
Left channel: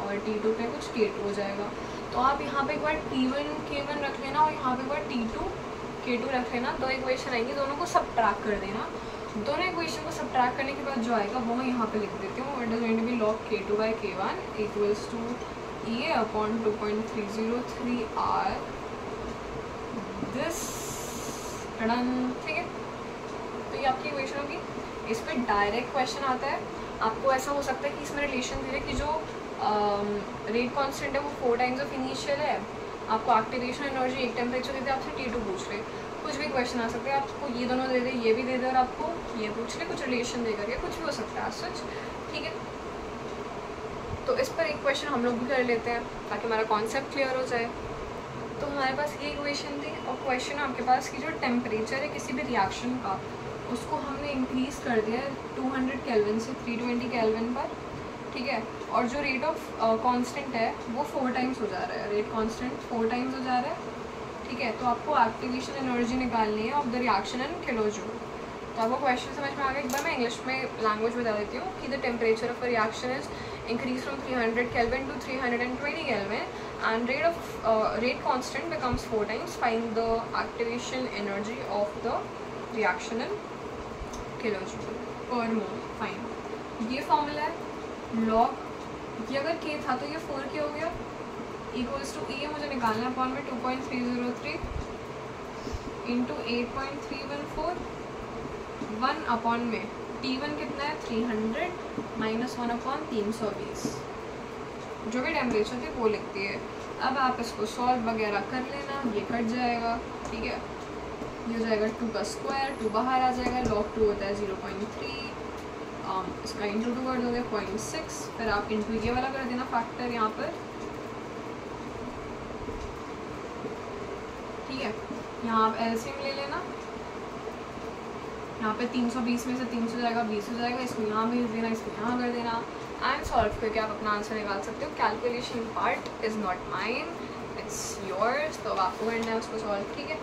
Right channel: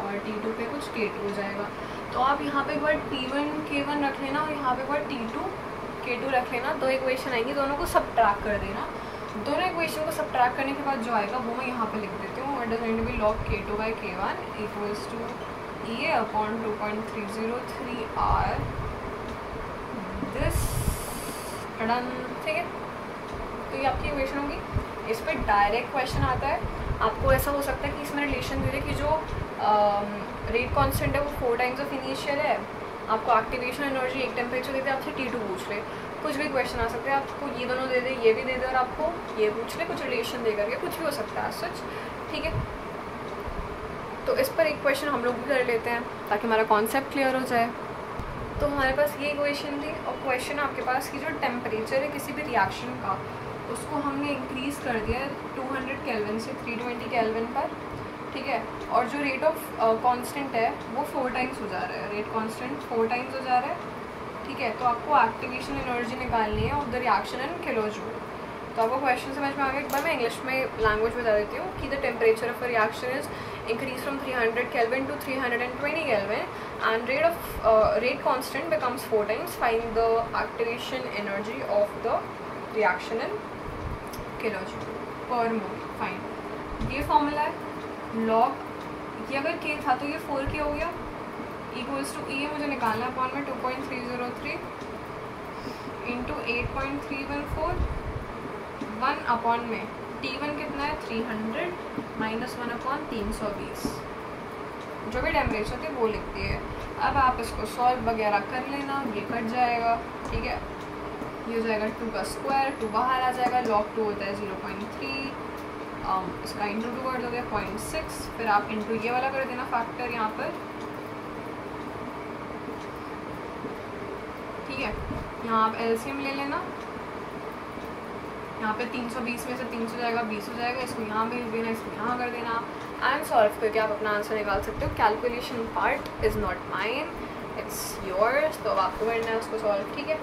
और T2 पे कुछ K2 हो जाएगा। तो आप यहाँ पे एक बार T1 K1 रख लेना और यहाँ पे एक बार T2 K2 रख लेना, दो इक्वेशन आएंगी, दोनों को सबट्रैक्ट कर देना। दोनों इक्वेशन को सबट्रैक्ट करने के बाद जो आएगा वो मैं यहाँ पे लिख देती हूँ। It is going to be log K2 by K1 equals to EA upon 2.303 R this done. ठीक है, तो ये आपकी इक्वेशन होगी। इस पर डायरेक्ट क्वेश्चन आता है, आपको ऐसा हो सकता है कि इसमें रिलेशन दे रहे कि जो रेट कांस्टेंट है वो 4 टाइम्स ऑफ इनिशियल है, आपको एक्टिवेशन एनर्जी एक टेम्परेचर देते हैं, आपसे T2 पूछ रहे, कुछ भी क्वेश्चन आ सकते हैं, आपको ये दोनों दे दे, ये भी दे दे और आपको ये पूछ ले, कुछ रिलेशन दे करके कुछ भी हो सकता है सच। ठीक है, तो इस पर एक क्वेश्चन हम लोग भी कर लेते हैं ताकि हमारा कॉन्सेप्ट क्लियर हो जाए। तो हमारे पास ये इक्वेशन थी और क्वेश्चन आपके पास कि जो टेम्परेचर है किसी भी रिएक्शन का उसको हमने इंक्रीज़ कर दिया 200 केल्विन से 320 केल्विन पर। ठीक है, और जो रेट ऑफ कांस्टेंट है वो 4 टाइम्स हो जा रहा है, रेट कांस्टेंट 4 टाइम्स हो जा रहा है। ठीक है, तो आपको एक्टिवेशन एनर्जी निकालनी है of the reaction in kilojoule. तो आपको क्वेश्चन समझ में आ गया। एक बार मैं इंग्लिश में लैंग्वेज बता देती हूँ कि the temperature of a reaction is increase from 300 kelvin to 320 kelvin and rate constant becomes 4 times. Find the activation energy of the reaction in kilojoule per mole. Fine, ये फॉर्मूला है log, ये अगर K था तो ये 4K हो गया, equals to E मुझे निकालना है अपॉन में 2.303 इंटू 8.314 1 अपॉन में T1 कितना है 300 माइनस 1 अपॉन 320, जो भी टेम्परेचर थी वो लिखती है। अब आप इसको सॉल्व वगैरह कर लेना, ये कट जाएगा। ठीक है, ये हो जाएगा 2 का स्क्वायर, 2 बाहर आ जाएगा, log 2 होता है 0.3, इसका इंटू 2 कर दोगे 0.6, फिर आप इंटू ये वाला कर देना फैक्टर यहाँ पर। ठीक है, यहाँ आप एलसीएम ले लेना, यहाँ पे 320 में से 300 जाएगा 20 हो जाएगा, इसको यहाँ भेज देना, इसको यहाँ कर देना एंड सॉल्व करके आप अपना आंसर निकाल सकते हो। Calculation part is not mine, it's yours, तो अब आपको करना है उसको सॉल्व। ठीक है,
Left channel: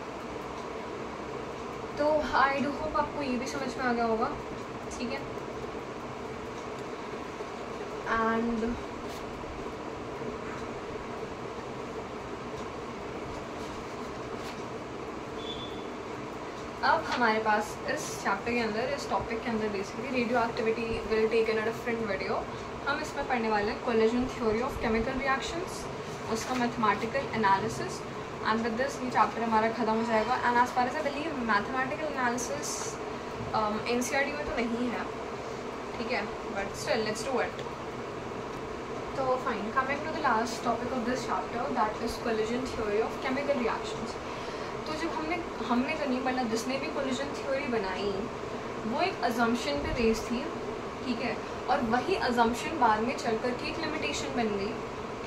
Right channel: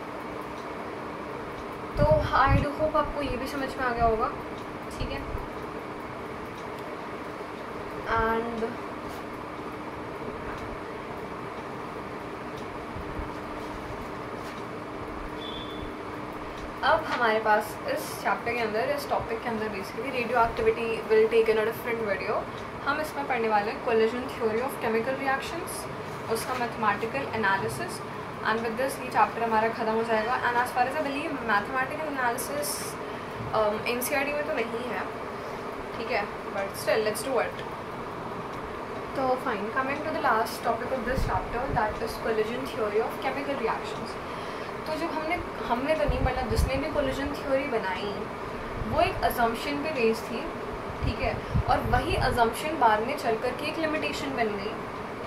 तो आई डू होप आपको ये भी समझ में आ गया होगा। ठीक है, एंड अब हमारे पास इस चैप्टर के अंदर, इस टॉपिक के अंदर basically radioactivity will take in a different video. हम इसमें पढ़ने वाले हैं collision theory of chemical reactions, उसका mathematical analysis, and with this ये चैप्टर हमारा ख़त्म हो जाएगा। And as far as I believe mathematical analysis NCERT में तो नहीं है, ठीक है, but still let's do it. तो fine, coming to the last topic of this chapter, that is collision theory of chemical reactions. तो जब हमने तो नहीं, मतलब जिसने भी कोलिजन थ्योरी बनाई वो एक अजम्पशन पे बेस थी। ठीक है, और वही अजम्पशन बाद में चल कर के एक लिमिटेशन बन गई।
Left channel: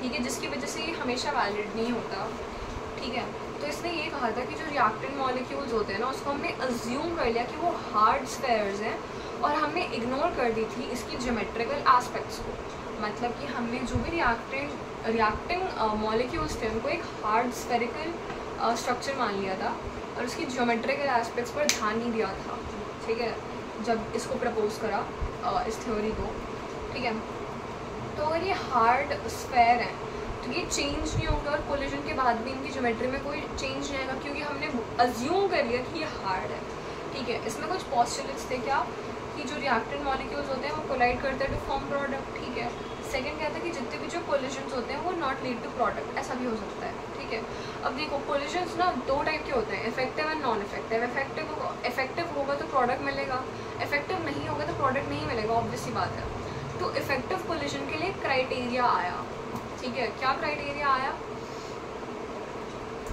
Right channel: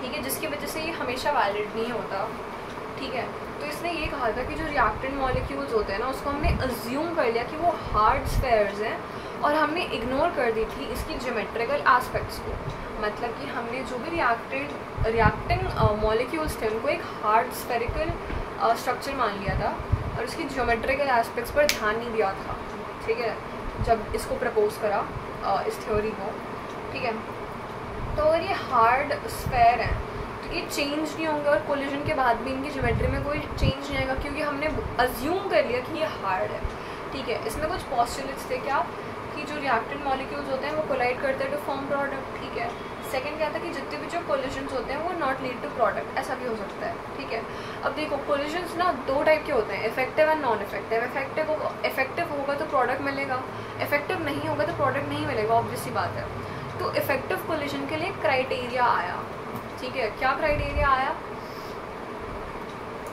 ठीक है, जिसकी वजह से ये हमेशा वैलिड नहीं होता। ठीक है, तो इसने ये कहा था कि जो रिएक्टेंट मॉलिक्यूल्स होते हैं ना, उसको हमने अज्यूम कर लिया कि वो हार्ड स्फेयर्स हैं और हमने इग्नोर कर दी थी इसकी ज्योमेट्रिकल एस्पेक्ट्स को। मतलब कि हमने जो भी रिएक्टिंग मॉलिक्यूल्स थे उनको एक हार्ड स्फेरिकल स्ट्रक्चर मान लिया था और उसकी ज्योमेट्रिकल एस्पेक्ट्स पर ध्यान नहीं दिया था। ठीक है, जब इसको प्रपोज करा इस थ्योरी को। ठीक है, तो अगर ये हार्ड स्फेयर है तो ये चेंज नहीं होंगे और कोलिजन के बाद भी इनकी ज्योमेट्री में कोई चेंज नहीं आएगा, क्योंकि हमने अज्यूम कर लिया कि ये हार्ड है। ठीक है, इसमें कुछ पॉस्टुलेट्स थे क्या, कि जो रिएक्टेंट मॉलिक्यूल्स होते हैं वो कोलाइड करते हैं टू फॉर्म प्रोडक्ट। ठीक है, सेकंड क्या था कि जितने भी जो कोलिजन्स होते हैं वो नॉट लीड टू प्रोडक्ट, ऐसा भी हो सकता है। ठीक है, अब देखो कोलिजन्स ना 2 टाइप के होते हैं, effective and non effective. Effective होगा तो प्रोडक्ट मिलेगा, इफेक्टिव नहीं होगा तो प्रोडक्ट नहीं मिलेगा, ऑब्वियस सी बात है। तो इफेक्टिव कोलिजन के लिए क्राइटेरिया आया। ठीक है, क्या क्राइटेरिया आया,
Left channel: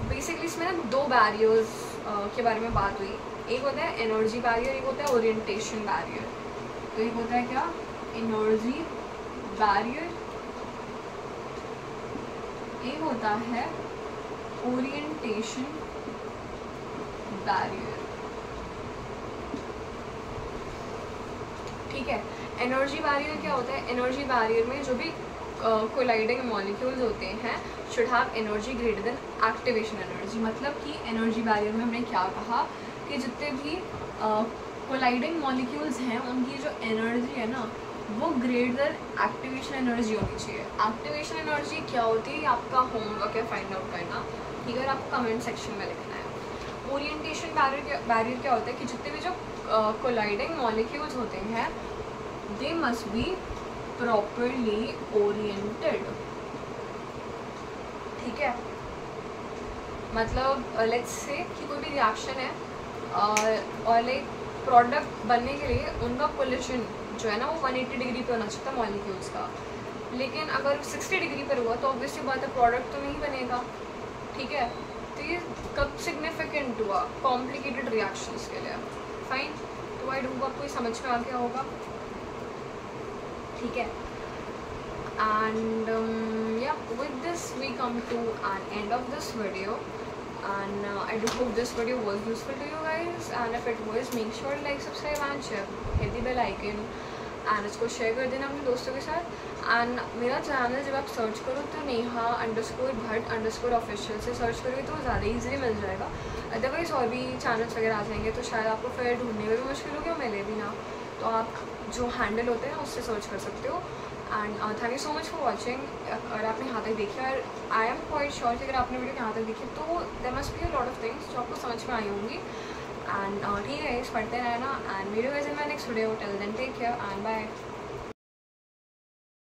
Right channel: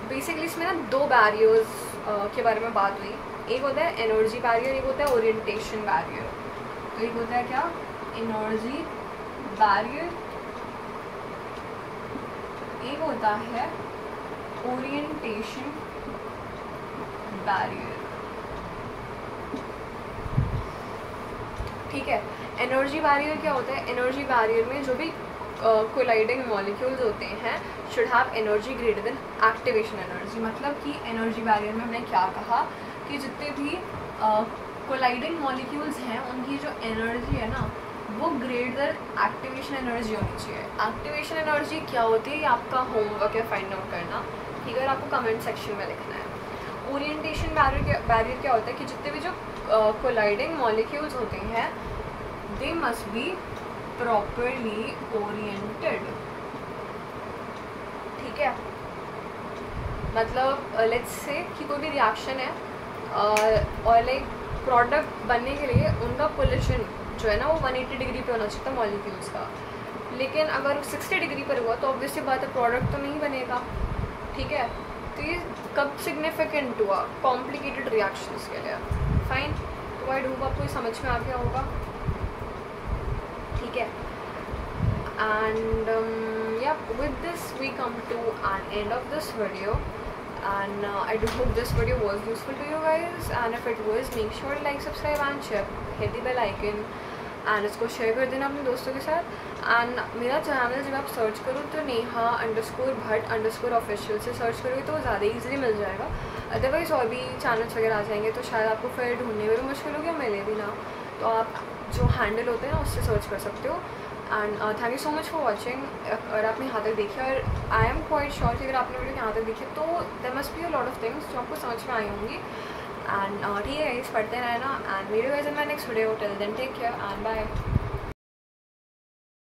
बेसिकली इसमें ना 2 बैरियर्स के बारे में बात हुई। एक होता है एनर्जी बैरियर, एक होता है ओरिएंटेशन बैरियर। तो एक होता है क्या, एनर्जी बैरियर, एक होता है ओरिएंटेशन बैरियर। ठीक है, एनर्जी बैरियर क्या होता है, एनर्जी बैरियर में जो भी कोलाइडिंग मॉलिक्यूल्स होते हैं should have energy greater than activation energy. मतलब कि एनर्जी बैरियर में हमने क्या कहा कि कि जितने भी कोलाइडिंग मॉलिक्यूल्स हैं उनकी जो एनर्जी है ना वो ग्रेटर एक्टिवेशन एनर्जी होनी चाहिए। एक्टिवेशन एनर्जी क्या होती है, आपका होमवर्क या फाइंड आउट करना, ठीक है, आपको कमेंट सेक्शन में लिखना है। ओरिएंटेशन बैरियर क्या होता है कि जितने भी जो कोलाइडिंग मॉलिक्यूल्स होते हैं they must be properly oriented, ठीक है। मतलब लेट्स से कि कोई भी रिएक्शन है और एक प्रोडक्ट बनने के लिए उनका पोजीशन जो है ना वो 180 डिग्री पे होना चाहिए मॉलिक्यूल्स का, लेकिन अगर 60 डिग्री पर हुआ तो ऑब्वियसली बात है प्रोडक्ट तो नहीं बनेगा, ठीक है। तो ये कब सिग्निफिकेंट हुआ, कॉम्प्लिकेटेड रिएक्शंस के लिए, फाइन। तो आई डोंट आपको समझ में आ गया होगा, ठीक है। And yeah, with this we come to an end of this video, and I do hope this video was useful to you guys, and if it was, make sure to like, subscribe and share, hit the bell icon, and इसको share कर देना अपने दोस्तों के साथ। And मेरा channel जब आप सर्च करो तो neha_bhatt_official से सर्च करोगे तो ज़्यादा ईजिली मिल जाएगा, अदरवाइज़ और भी चैनल्स वगैरह आ जाएंगे तो शायद आपको फिर ढूंढने में भी मुश्किल होगी और मिले भी ना, तो आप जो हैंडल होते हैं ना उससे सर्च कर सकते हो। And thank you so much for watching. अगर आपने यहाँ तक देखी, और आई एम क्वाइट श्योर कि अगर आपने वीडियो यहाँ तक देखी तो there must be a lot of things जो आपको समझ में आई होंगी। एंड ठीक है, इस पढ़ते रहना, and video guys in my next video, till then take care and bye.